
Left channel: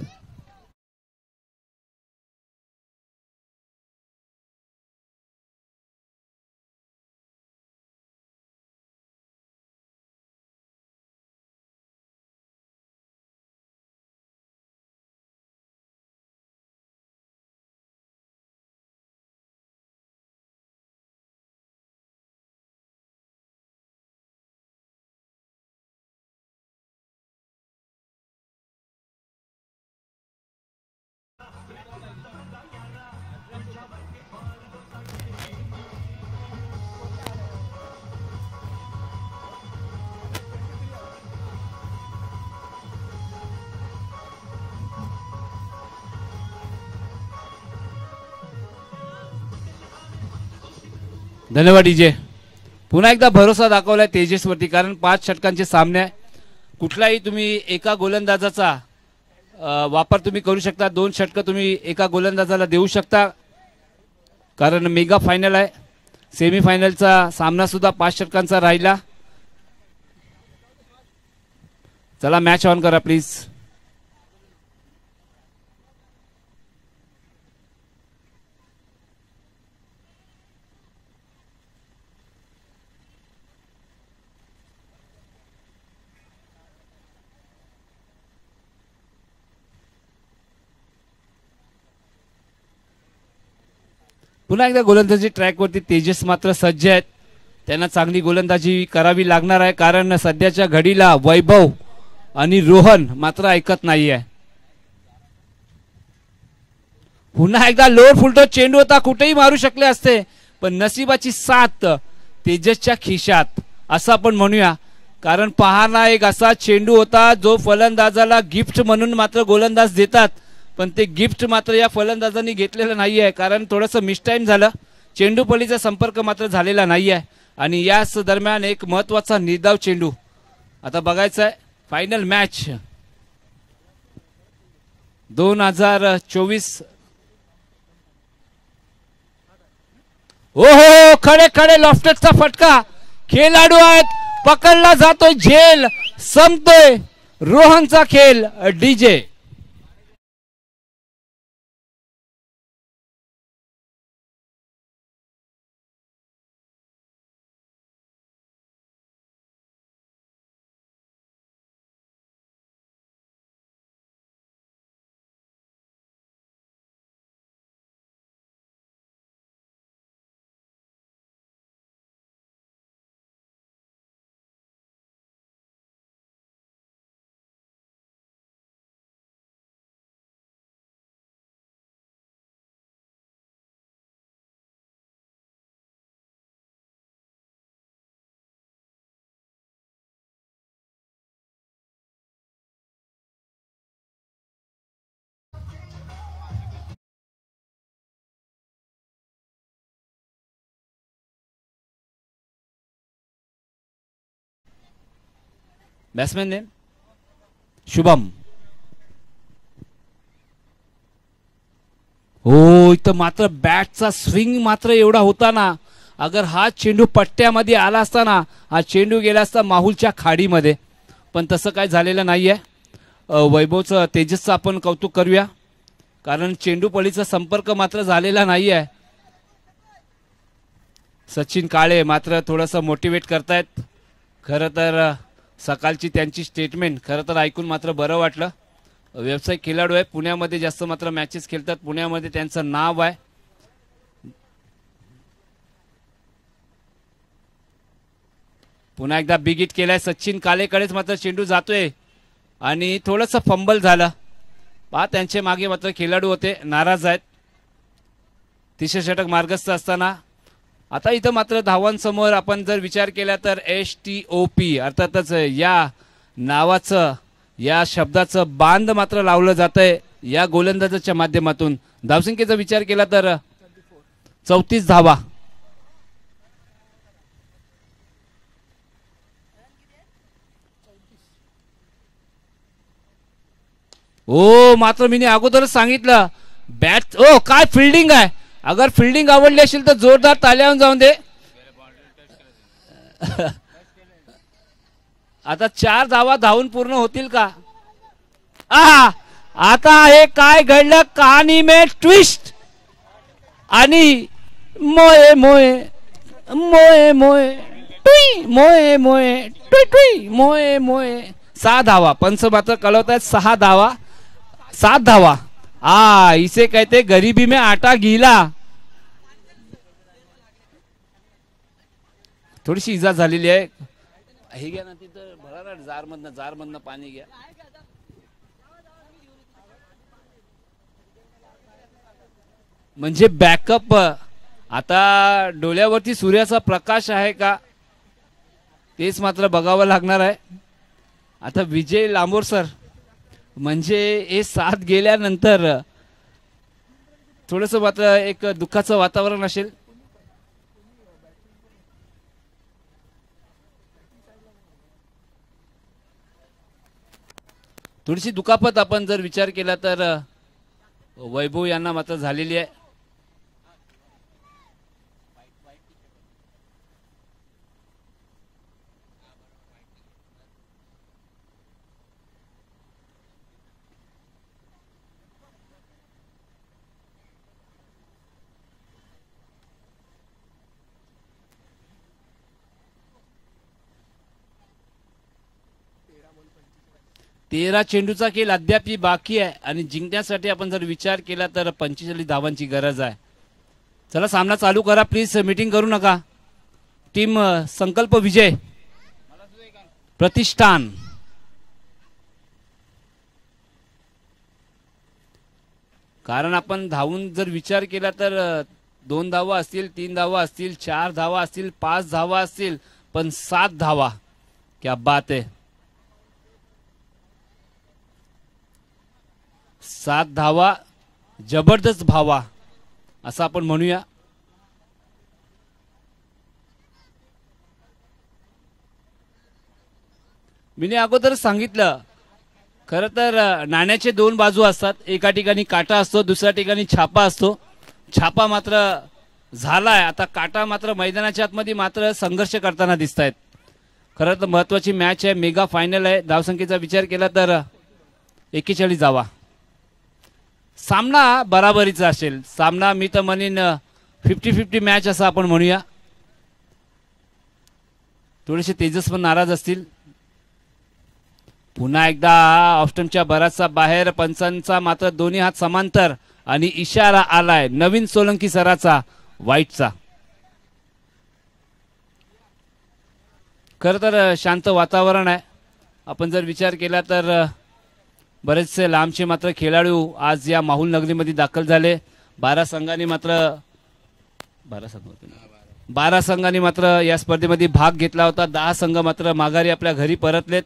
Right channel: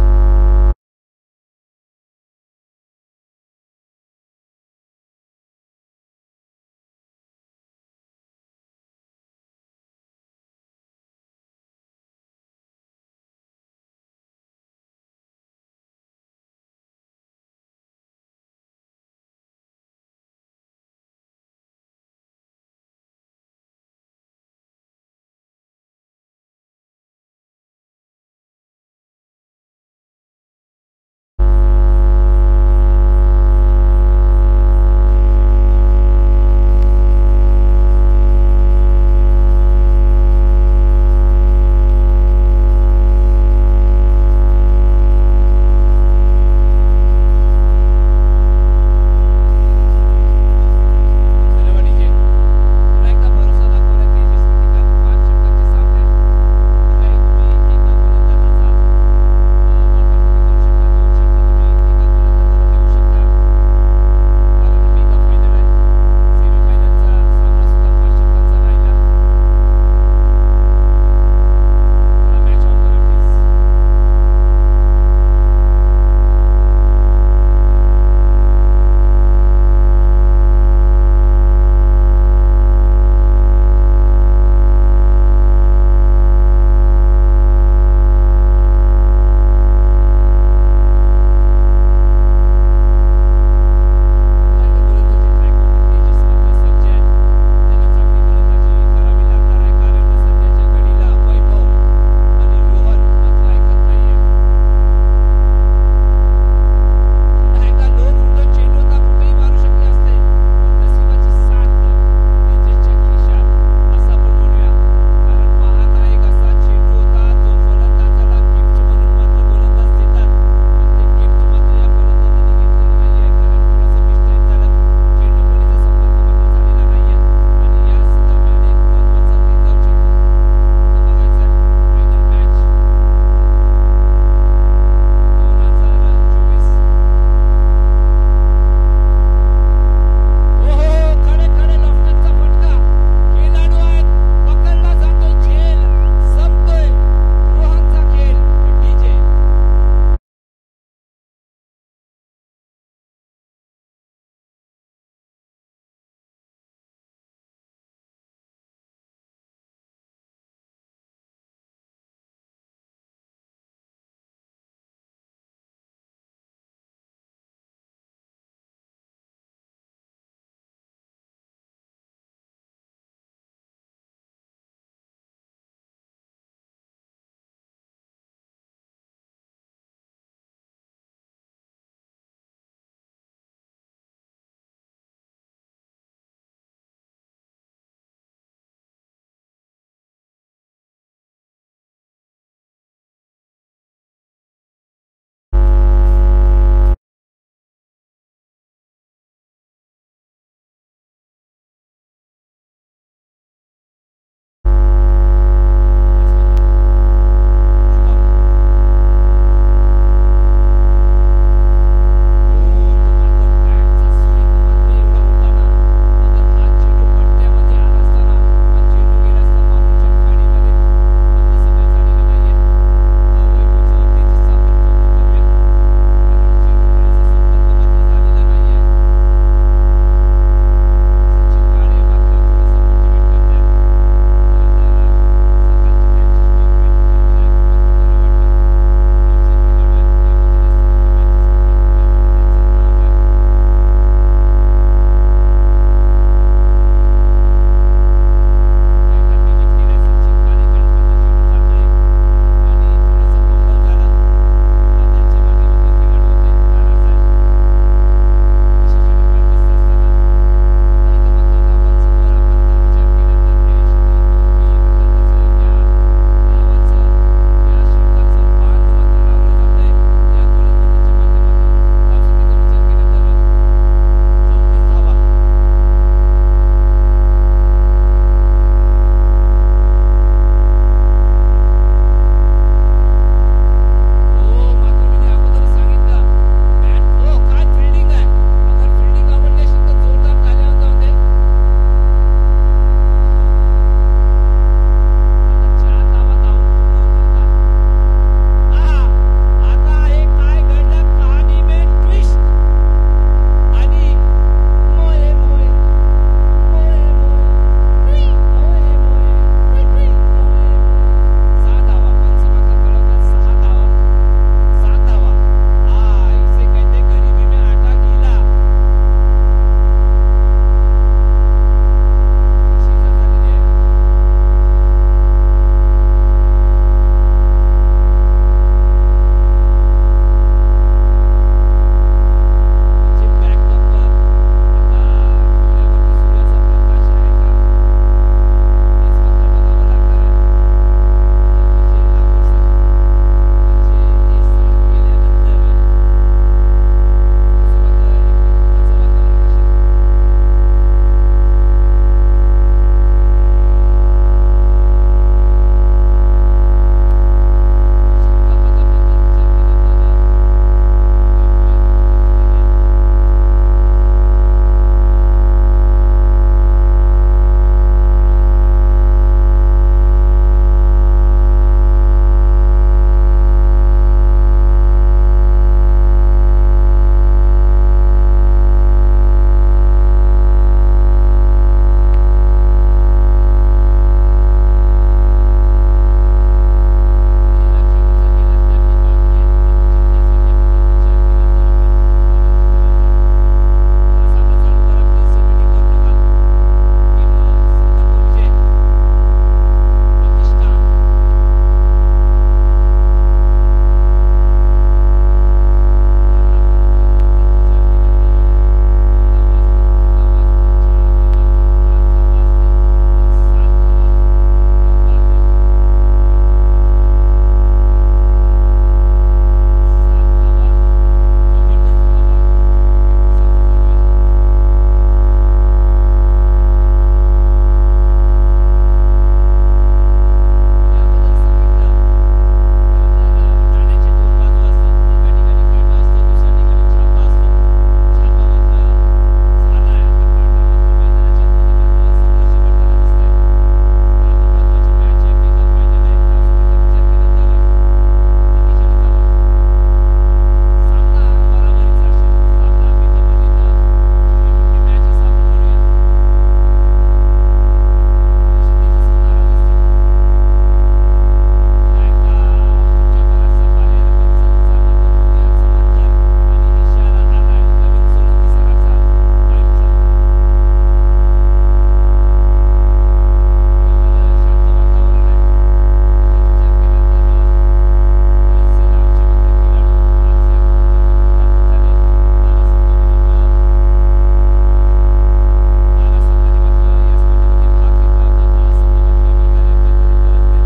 धन्यवाद डीजे. पुन्हा एकदा भरोसा दाखवलाय तेजसवरती, कारण 5 षटकांचे सामने आहे. कुठलाही तुम्ही एका गोलंदाजाचा वापर तुम्ही करू शकता. 2 षटक तुम्ही एका गोलंदाजाला देऊ शकता, कारण मेगा फायनल आहे. सेमीफायनलचा सामना सुद्धा 5 षटकांचा राहिला. चला, मॅच ऑन करा प्लीज. पुन्हा एकदा गोलंदाजी ट्रॅकवरती तेजस मात्र सज्ज आहेत. त्यांना चांगली गोलंदाजी करावी लागणार आहे, कारण सध्याच्या घडीला वैभव आणि रोहन मात्र ऐकत नाहीये. पुन्हा एकदा लोअर फुलटॉस चेंडू होता, कुठेही मारू शकले असते, पण नशिबाची साथ तेजसच्या खिशात असं आपण म्हणूया. कारण पहाना, एक असा चेंडू होता जो फलंदाजाला गिफ्ट म्हणून मात्र गोलंदाज देतात, पण ते गिफ्ट मात्र या फलंदाजांनी घेतलेलं नाहीये, कारण थोडंसं मिसटाइम झालं. चेंडू पलीचा संपर्क मात्र झालेला नाहीये आणि याच दरम्यान एक महत्वाचा निर्धाव चेंडू आता बघायचा आहे. Final match 2024. ओहो, खडे खडे लॉफ्टरचा फटका, खेळाडू आहेत, पकडला जातोय, झेल संपतोय, रोहनचा खेळ डीजे. बॅट्समॅन शुभम. हो, इथं मात्र बॅटचा स्विंग मात्र एवढा होता ना, अगर हा चेंडू पट्ट्यामध्ये आला असता ना, हा चेंडू गेला असता माहुलच्या खाडीमध्ये, पण तसं काय झालेलं नाहीये. वैभवचं, तेजसचं आपण कौतुक करूया, कारण चेंडू पळीचा संपर्क मात्र झालेला नाहीये. सचिन काळे मात्र थोडस मोटिवेट करतायत. खरं तर सकाळची त्यांची स्टेटमेंट खरं तर ऐकून मात्र बरं वाटलं. व्यावसायिक खेळाडू आहे, पुण्यामध्ये जास्त मात्र मॅचेस खेळतात, पुण्यामध्ये त्यांचं नाव आहे. पुन्हा एकदा बिग हिट केलाय, सचिन कालेकडेच मात्र चेंडू जातोय आणि थोडस फंबल झालं. त्यांचे मागे मात्र खेळाडू होते, नाराज आहेत. तिसरे षटक मार्गस्थ असताना आता इथं मात्र धावांसमोर आपण जर विचार केला तर STOP अर्थातच या नावाचं, या शब्दाचं बांध मात्र लावलं जातंय या गोलंदाजाच्या माध्यमातून. धावसंख्येचा विचार केला तर 34 धावा. हो, मात्र मी अगोदरच सांगितलं, बॅट काय फिल्डिंग आहे. अगर फिल्डिंग आवडली असेल तर जोरदार ताल्या जाऊन दे. आता 4 धावा धावून पूर्ण होतील का? आता हे काय घडलं, कहाणी में ट्विस्ट. आणि मोये मोये मोये मोये टुई मोये मोये टुई टुई मोये मोये. 6 धावा. पंच मात्र कळवत आहेत 6 धावा, 7 धावा. इसे कहते गरीबी में आटा गीला. थोडीशी इजा झालेली आहे. म्हणजे बॅकअप. आता डोळ्यावरती सूर्याचा प्रकाश आहे का तेच मात्र बघावं लागणार आहे. आता विजय लांबोर सर म्हणजे हे 7 गेल्यानंतर थोडस मात्र एक दुःखाचं वातावरण असेल. थोडीशी दुखापत आपण जर विचार केला तर वैभव यांना मात्र झालेली आहे. चेंडूचा खेळ अद्याप बाकी आहे आणि जिंकण्यासाठी आपण जर विचार केला तर 45 धावांची गरज आहे. चला सामना चालू करा प्लीज, मीटिंग करू नका. टीम संकल्प विजय प्रतिष्ठान. कारण आपण धावून जर विचार केला तर 2 धावा असतील, 3 धावा असतील, 4 धावा असतील, 5 धावा असतील, पण 7 धावा. क्या बात आहे. 7 धावा जबरदस्त भावा असं आपण म्हणूया. मी अगोदर सांगितलं खरं तर नाण्याचे दोन बाजू असतात. एका ठिकाणी काटा असतो, दुसऱ्या ठिकाणी छापा असतो. छापा मात्र झालाय, आता काटा मात्र मैदानाच्या आतमध्ये मात्र संघर्ष करताना दिसत आहेत. खरं तर महत्वाची मॅच आहे, मेगा फायनल आहे. धावसंख्येचा विचार केला तर 41 धावा. सामना बराबरीचा असेल. सामना मी तर म्हणेन 50-50 मॅच असं आपण म्हणूया. थोडेसे तेजस पण नाराज असतील. पुन्हा एकदा ऑस्टनच्या बराचसा बाहेर, पंचांचा मात्र दोन्ही हात समांतर आणि इशारा आलाय नवीन सोलंकी सराचा वाईटचा. खरं तर शांत वातावरण आहे. आपण जर विचार केला तर बरेचसे लांबचे मात्र खेळाडू आज या माहुल नगरीमध्ये दाखल झाले. 12 संघांनी मात्र या स्पर्धेमध्ये भाग घेतला होता. 10 संघ मात्र माघारी आपल्या घरी परतलेत.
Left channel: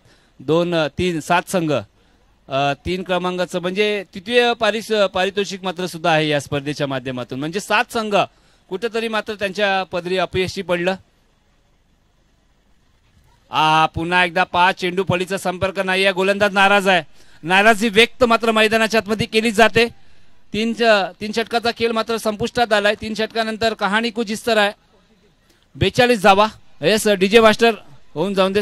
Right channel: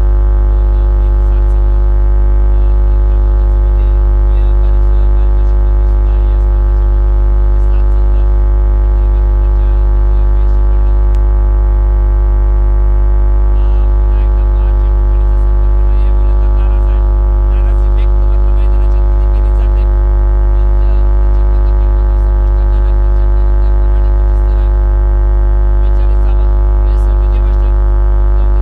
7 संघ 3 क्रमांकाचं म्हणजे तृतीय पारितोषिक मात्र सुद्धा आहे या स्पर्धेच्या माध्यमातून. म्हणजे 7 संघ कुठेतरी मात्र त्यांच्या पदरी अपयशी पडलं. पुन्हा एकदा 5 चेंडू पलीचा संपर्क नाही आहे. गोलंदाज नाराज आहे. नाराजी व्यक्त मात्र मैदानाच्या आतमध्ये केली जाते. 3 षटकाचा खेळ मात्र संपुष्टात आलाय. 3 षटकानंतर कहाणी कुछ इस तरह आहे. 42 धावा. येस डीजे मास्टर होऊन जाऊन दे.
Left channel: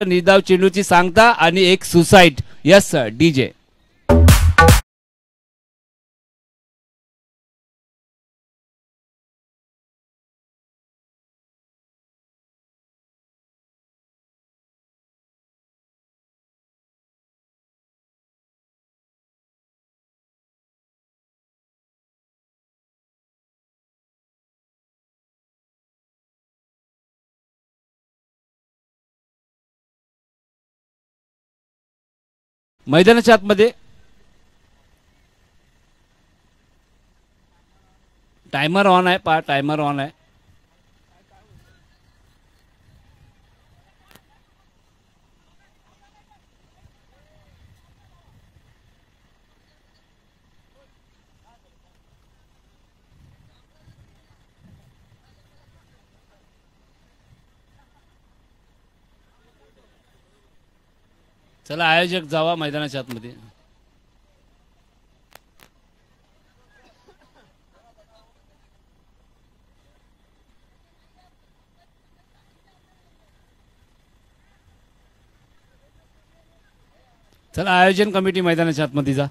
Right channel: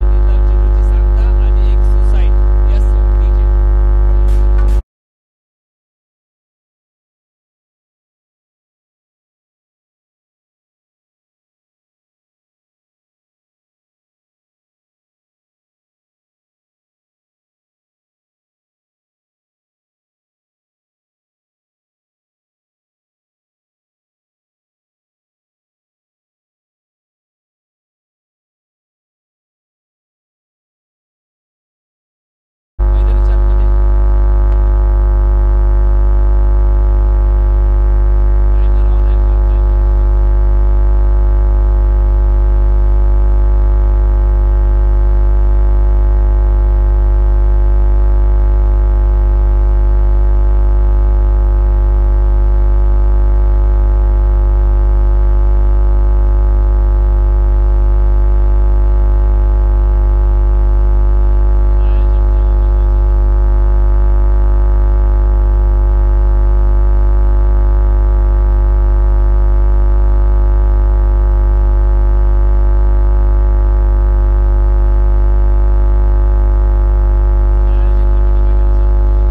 निदाव चेंडूची सांगता आणि एक सुसाईड. Yes DJ. मैदानाच्या आतमध्ये टाइमर ऑन आहे. टाइमर ऑन आहे. जावा मैदानाच्या आतमध्ये. चला आयोजन कमिटी मैदानाच्या आतमध्ये जा.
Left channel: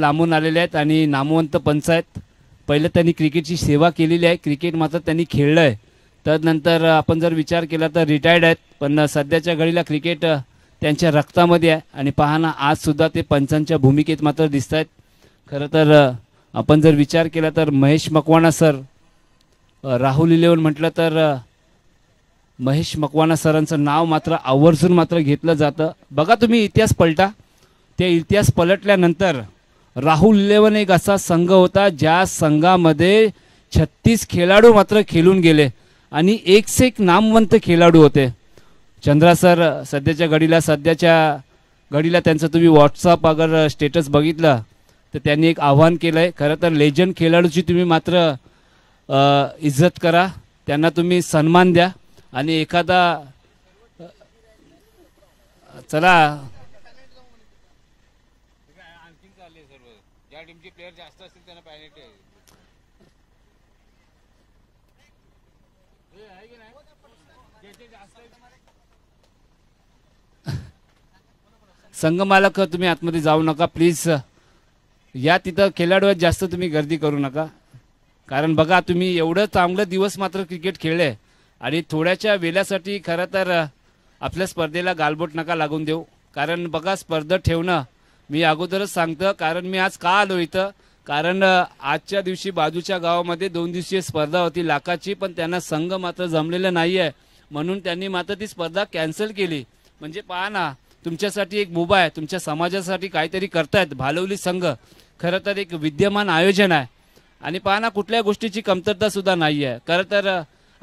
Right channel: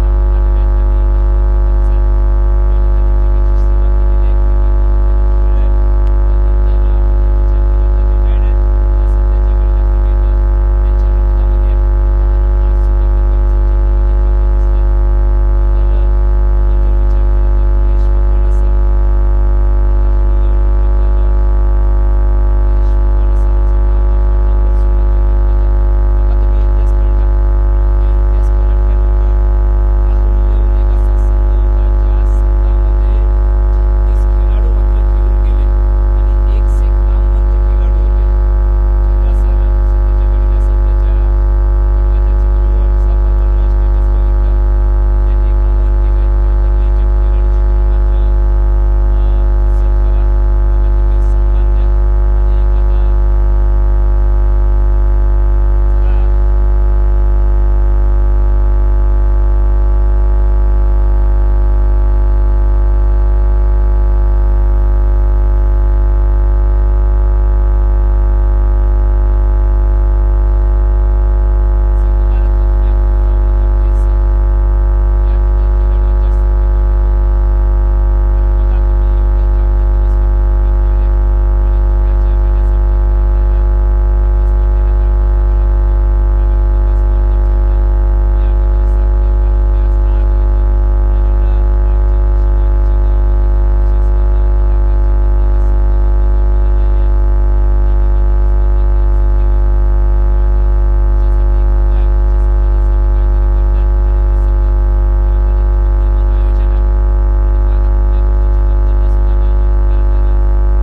लांबून आलेले आहेत आणि नामवंत पंच आहेत. पहिलं त्यांनी क्रिकेटची सेवा केलेली आहे, क्रिकेट मात्र त्यांनी खेळलं आहे. त्यानंतर आपण जर विचार केला तर रिटायर्ड आहेत, पण सध्याच्या घडीला क्रिकेट त्यांच्या रक्तामध्ये आहे. आणि पहा ना, आज सुद्धा ते पंचांच्या भूमिकेत मात्र दिसत आहेत. खरं तर आपण जर विचार केला तर महेश मकवाना सर, राहुल 11 म्हटलं तर महेश मकवाना सरांचं नाव मात्र आवर्जून मात्र घेतलं जातं. बघा तुम्ही इतिहास पलटा, ते इतिहास पलटल्यानंतर राहुल 11 एक असा संघ होता ज्या संघामध्ये 36 खेळाडू मात्र खेळून गेले आणि एक से एक नामवंत खेळाडू होते. चंद्रा सर सध्याच्या घडीला त्यांचं तुम्ही व्हॉट्सअप अगर स्टेटस बघितलं तर त्यांनी एक आव्हान केलंय. खरं तर लेजंड खेळाडूची तुम्ही मात्र इज्जत करा, त्यांना तुम्ही सन्मान द्या. आणि एखादा चला संघमालक तुम्ही आतमध्ये जाऊ नका प्लीज. या तिथं खेळाडू जास्त तुम्ही गर्दी करू नका, कारण बघा तुम्ही एवढं चांगलं दिवस मात्र क्रिकेट खेळले आणि थोड्याच्या वेळासाठी खरं तर आपल्या स्पर्धेला गालबोट नका लागून देऊ. कारण बघा स्पर्धा ठेवणं मी अगोदरच सांगतो, कारण मी आज का आलो इथं, कारण आजच्या दिवशी बाजूच्या गावामध्ये 2 दिवसीय स्पर्धा होती लाखाची, पण त्यांना संघ मात्र जमलेला नाही आहे म्हणून त्यांनी मात्र ती स्पर्धा कॅन्सल केली. म्हणजे पहा ना, तुमच्यासाठी एक मुभा आहे, तुमच्या समाजासाठी काहीतरी करतायत भालवली संघ. खरं तर एक विद्यमान आयोजन आहे आणि पहा ना, कुठल्या गोष्टीची कमतरता सुद्धा नाही आहे. खरं तर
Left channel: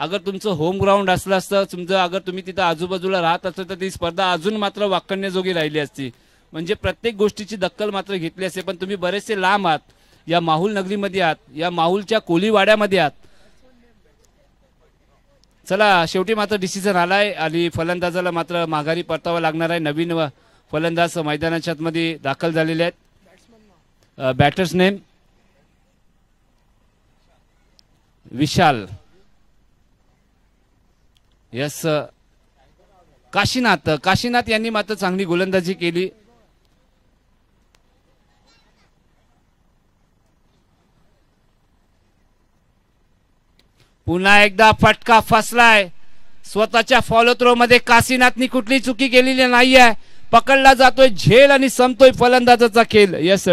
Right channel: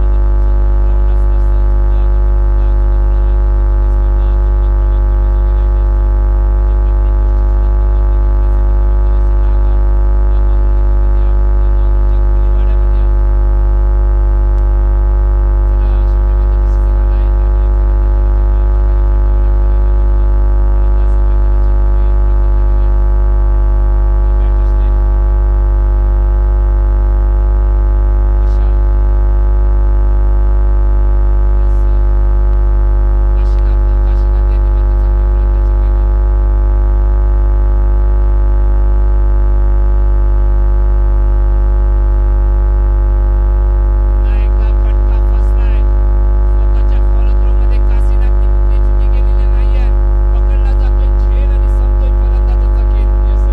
अगर तुमचं होम ग्राउंड असलं असतं, तुमचं अगर तुम्ही तिथं आजूबाजूला राहत असतो तर ती स्पर्धा अजून मात्र वाकण्याजोगी राहिली असती. म्हणजे प्रत्येक गोष्टीची दखल मात्र घेतली असते. पण तुम्ही बरेचसे लांब आहात, या माहुल नगरीमध्ये आहात, या माहुलच्या कोलीवाड्यामध्ये आहात. चला शेवटी मात्र डिसिजन आलाय आणि फलंदाजाला मात्र माघारी परतावा लागणार आहे. नवीन फलंदाज मैदानाच्या मध्ये दाखल झालेले आहेत. बॅटर्स नेम विशाल, यस काशीनाथ यांनी मात्र चांगली गोलंदाजी केली. पुन्हा एकदा फटका फसलाय. स्वतःच्या फॉलो थ्रो मध्ये काशीनाथनी कुठली चुकी केलेली नाहीये. पकडला जातोय झेल आणि संपतोय फलंदाजाचा खेळ. यस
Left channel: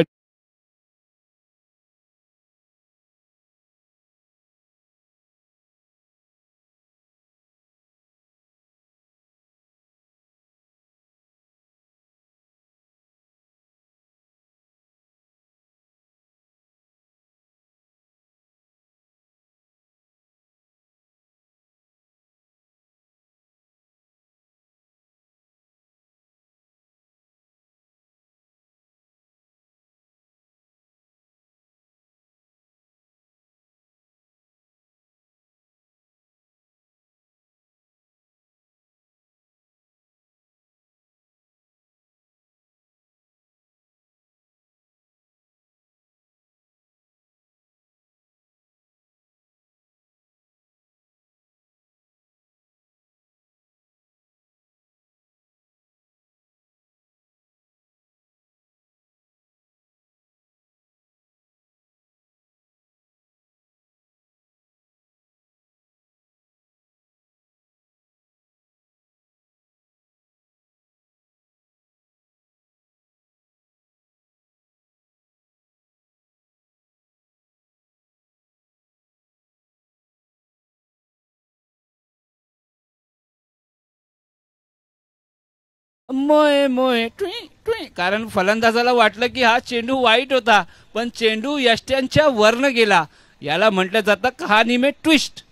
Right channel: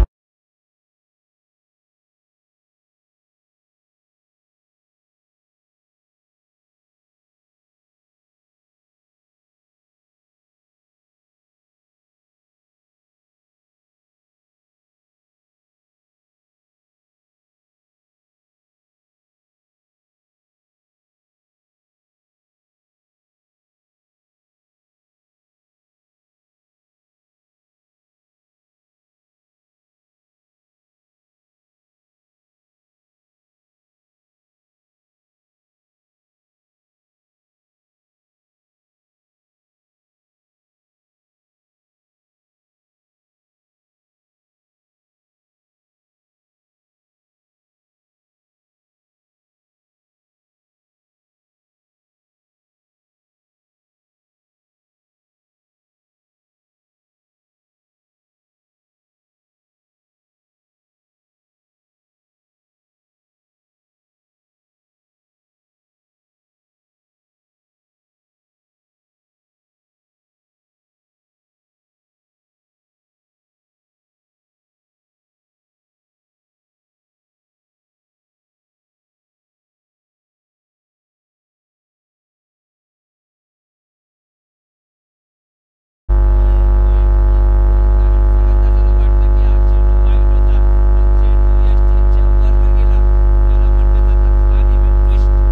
कारण फलंदाजाला वाटलं की हा चेंडू वाईट होता, पण चेंडू यष्ट्यांच्या वरनं गेला. याला म्हटलं जातं कहाणी में ट्विस्ट.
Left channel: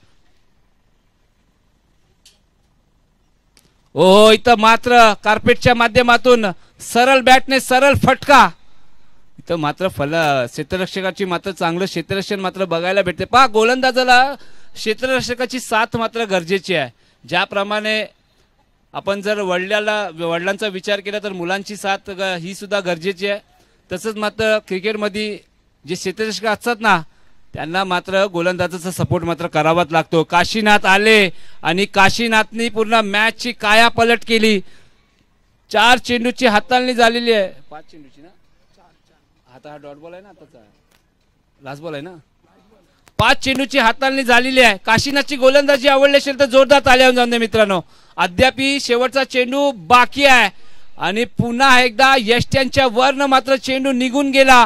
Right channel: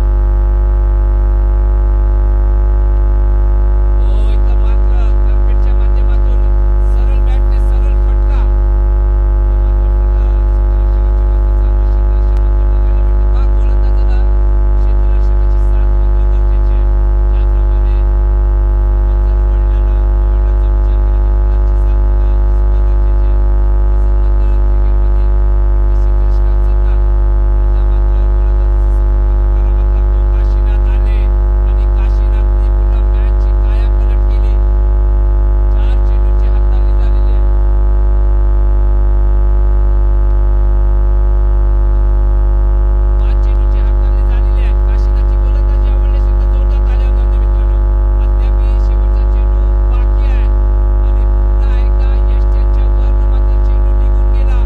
ओ इथं मात्र कार्पेटच्या माध्यमातून सरळ बॅटने सरळ फटका. इथं मात्र क्षेत्ररक्षकाची मात्र चांगलं क्षेत्ररक्षण मात्र बघायला भेटते. पहा गोलंदाजाला क्षेत्ररक्षकाची साथ मात्र गरजेची आहे. ज्याप्रमाणे आपण जर वडिलांचा विचार केला तर मुलांची साथ ही सुद्धा गरजेची आहे. तसंच मात्र क्रिकेटमध्ये जे क्षेत्ररक्षक असतात ना, त्यांना मात्र गोलंदाजाचा सपोर्ट मात्र करावाच लागतो. काशीनाथ आले आणि काशीनाथनी पूर्ण मॅचची कायापलट केली. 4 चेंडूची हाताळणी झालेली आहे. 5 चेंडूची हाताळणी झालेली आहे. काशीनाथची गोलंदाजी आवडली असेल तर जोरदार ताल्या जाऊन दे मित्रांनो. अद्याप शेवटचा चेंडू बाकी आहे आणि पुन्हा एकदा यष्ट्यांच्या वरन मात्र चेंडू निघून गेला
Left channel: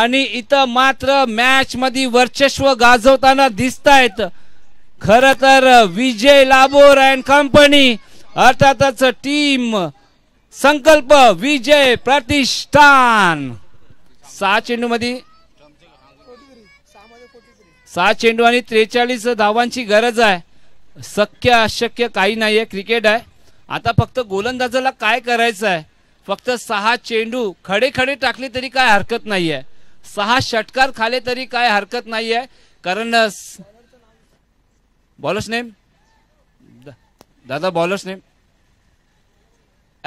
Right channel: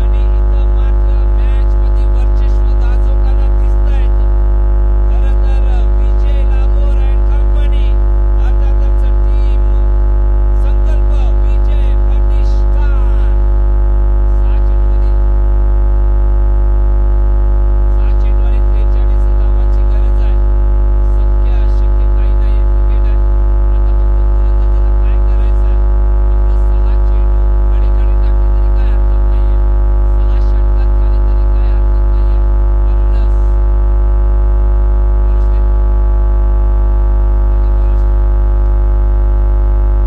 आणि इथं मात्र मॅच मध्ये वर्चस्व गाजवताना दिसतायत खर तर विजय लाबोर अँड कंपनी, अर्थातच टीम संकल्प विजय प्रतिष्ठान. 6 चेंडू आणि 43 धावांची गरज आहे. शक्य अशक्य काही नाहीये, क्रिकेट आहे. आता फक्त गोलंदाजाला काय करायचं आहे, फक्त 6 चेंडू खडे खडे टाकले तरी काय हरकत नाहीये, 6 षटकार खाले तरी काय हरकत नाहीये. कारण बॉलर्स नेम दादा, बॉलर्स नेम.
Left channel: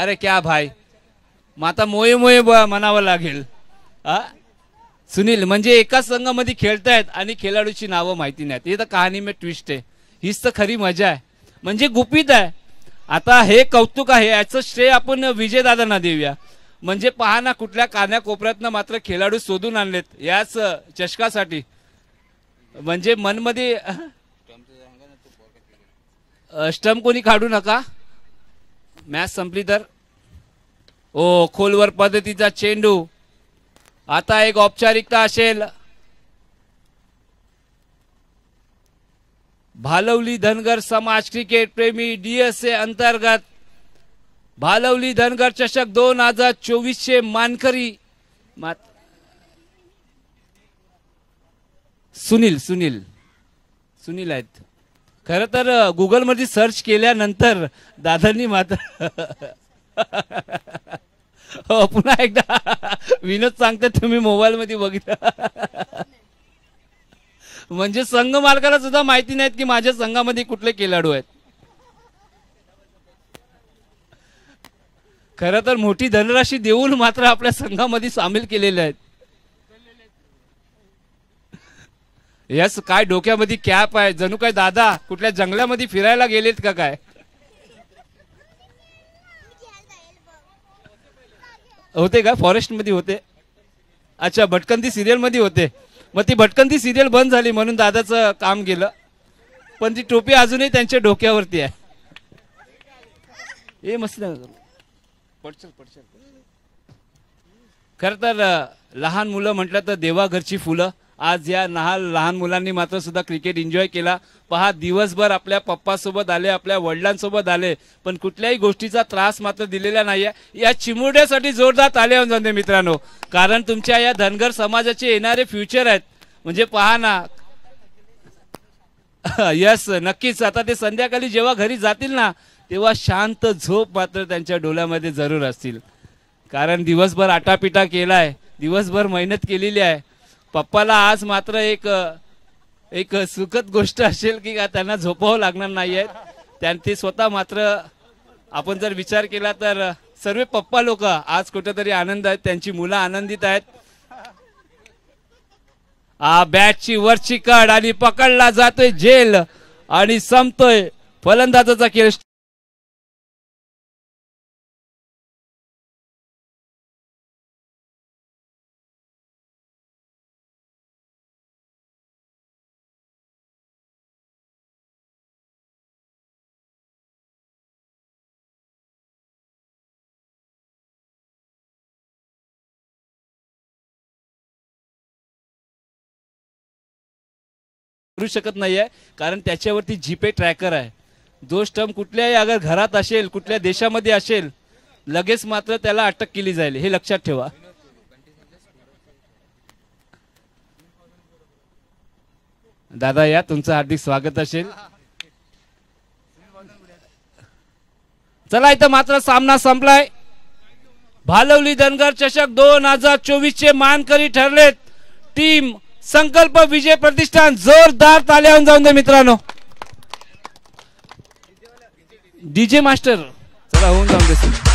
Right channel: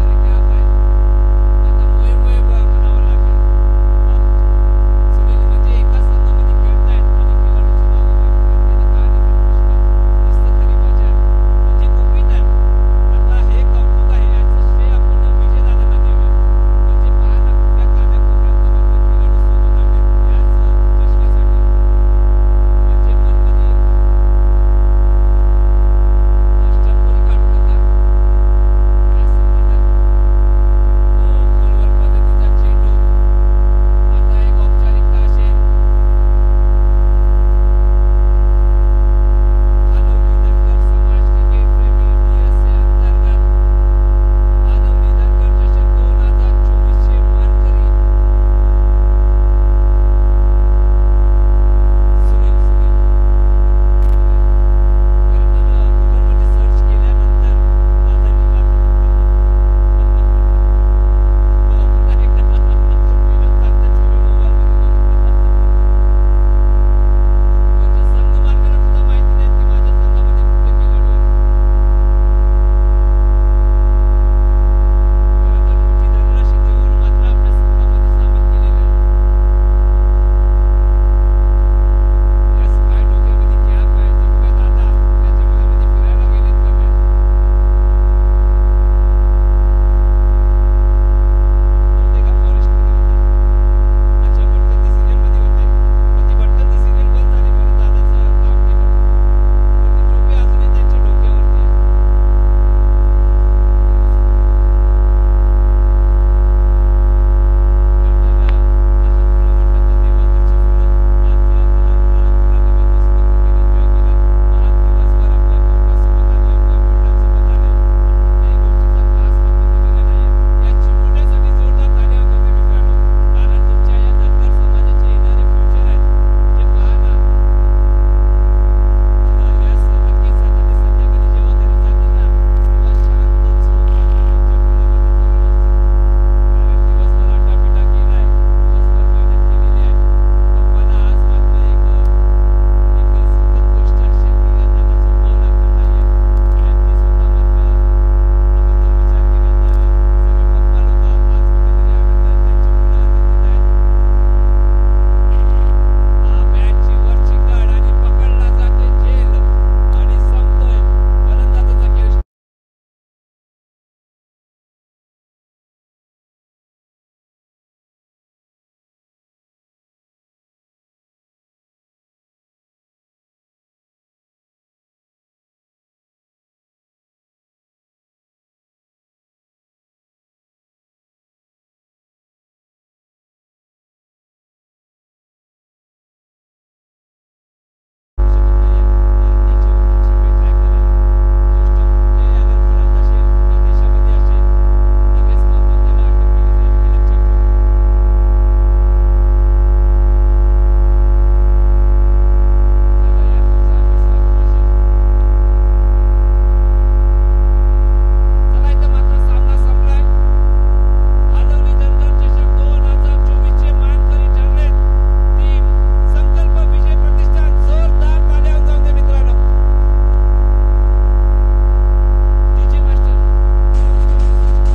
अरे क्या भाई, माता मोये मोये म्हणावं लागेल. सुनील म्हणजे एकाच संघामध्ये खेळतायत आणि खेळाडूची नावं माहिती नाहीत. हे तर कहाणी में ट्विस्ट आहे. हीच तर खरी मजा आहे, म्हणजे गुपित आहे. आता हे कौतुक आहे, याचं श्रेय आपण विजयदादांना देऊया. म्हणजे पहा ना, कुठल्या कान्याकोपऱ्यातनं मात्र खेळाडू शोधून आणलेत याच चषकासाठी. म्हणजे मनमध्ये स्टंप कोणी काढू नका, मॅच संपली तर. ओ खोलवर पद्धतीचा चेंडू. आता एक औपचारिकता असेल. भालवली धनगर समाज क्रिकेट प्रेमी डीएसए अंतर्गत भालवली धनगर चषक 2024 चे मानकरी सुनील आहेत. खर तर गुगल मध्ये सर्च केल्यानंतर दादांनी मात्र हो पुन्हा एकदा विनोद सांगते, तुम्ही मोबाईल मध्ये बघितलं. म्हणजे संघ मालकाला सुद्धा माहिती नाहीत की माझ्या संघामध्ये कुठले खेळाडू आहेत. खरं तर मोठी धनराशी देऊन मात्र आपल्या संघामध्ये सामील केलेले आहेत. यस, काय डोक्यामध्ये कॅप आहे, जणू काय दादा कुठल्या जंगलामध्ये फिरायला गेलेत का काय. होते का फॉरेस्ट मध्ये होते. अच्छा, भटकंती सिरियल मध्ये होते. मग ती भटकंती सिरियल बंद झाली म्हणून दादाचं काम गेलं. पण ती टोपी अजूनही त्यांच्या डोक्यावरती आहे. हे मस्त. खर तर लहान मुलं म्हटलं तर देवा घरची फुलं. आज या लहान मुलांनी मात्र सुद्धा क्रिकेट एन्जॉय केला. पहा, दिवसभर आपल्या पप्पा सोबत आले, आपल्या वडिलांसोबत आले, पण कुठल्याही गोष्टीचा त्रास मात्र दिलेला नाहीये. या चिमुरड्यासाठी जोरदार ताली वाजवून जाते मित्रांनो. कारण तुमच्या या धनगर समाजाचे येणारे फ्युचर आहेत. म्हणजे पहा ना, यस नक्कीच. आता ते संध्याकाळी जेव्हा घरी जातील ना, तेव्हा शांत झोप मात्र त्यांच्या डोळ्यामध्ये जरूर असतील. कारण दिवसभर आटापिटा केलाय, दिवसभर मेहनत केलेली आहे. पप्पाला आज मात्र एक सुखद गोष्ट असेल की त्यांना झोपावं लागणार नाहीये. ते स्वतः मात्र आपण जर विचार केला तर सर्व पप्पा लोक आज कुठेतरी आनंद आहेत, त्यांची मुलं आनंदित आहेत. बॅटची वरची कड आणि पकडला जातोय झेल आणि संपतोय फलंदाजाचा खेळ. शकत नाहीये कारण त्याच्यावरती जीपे ट्रॅकर आहे. जो स्टंप कुठल्याही अगर घरात असेल, कुठल्या देशामध्ये असेल, लगेच मात्र त्याला अटक केली जाईल. हे लक्षात ठेवा. दादा या, तुमचं हार्दिक स्वागत असेल. चला, इथं मात्र सामना संपलाय. भालवली धनगर चषक 2024 चे मानकरी ठरलेत टीम संकल्प विजय प्रतिष्ठान. जोरदार ताल्या जाऊन दे मित्रांनो. डीजे मास्टर जरा होऊन जाऊन दे.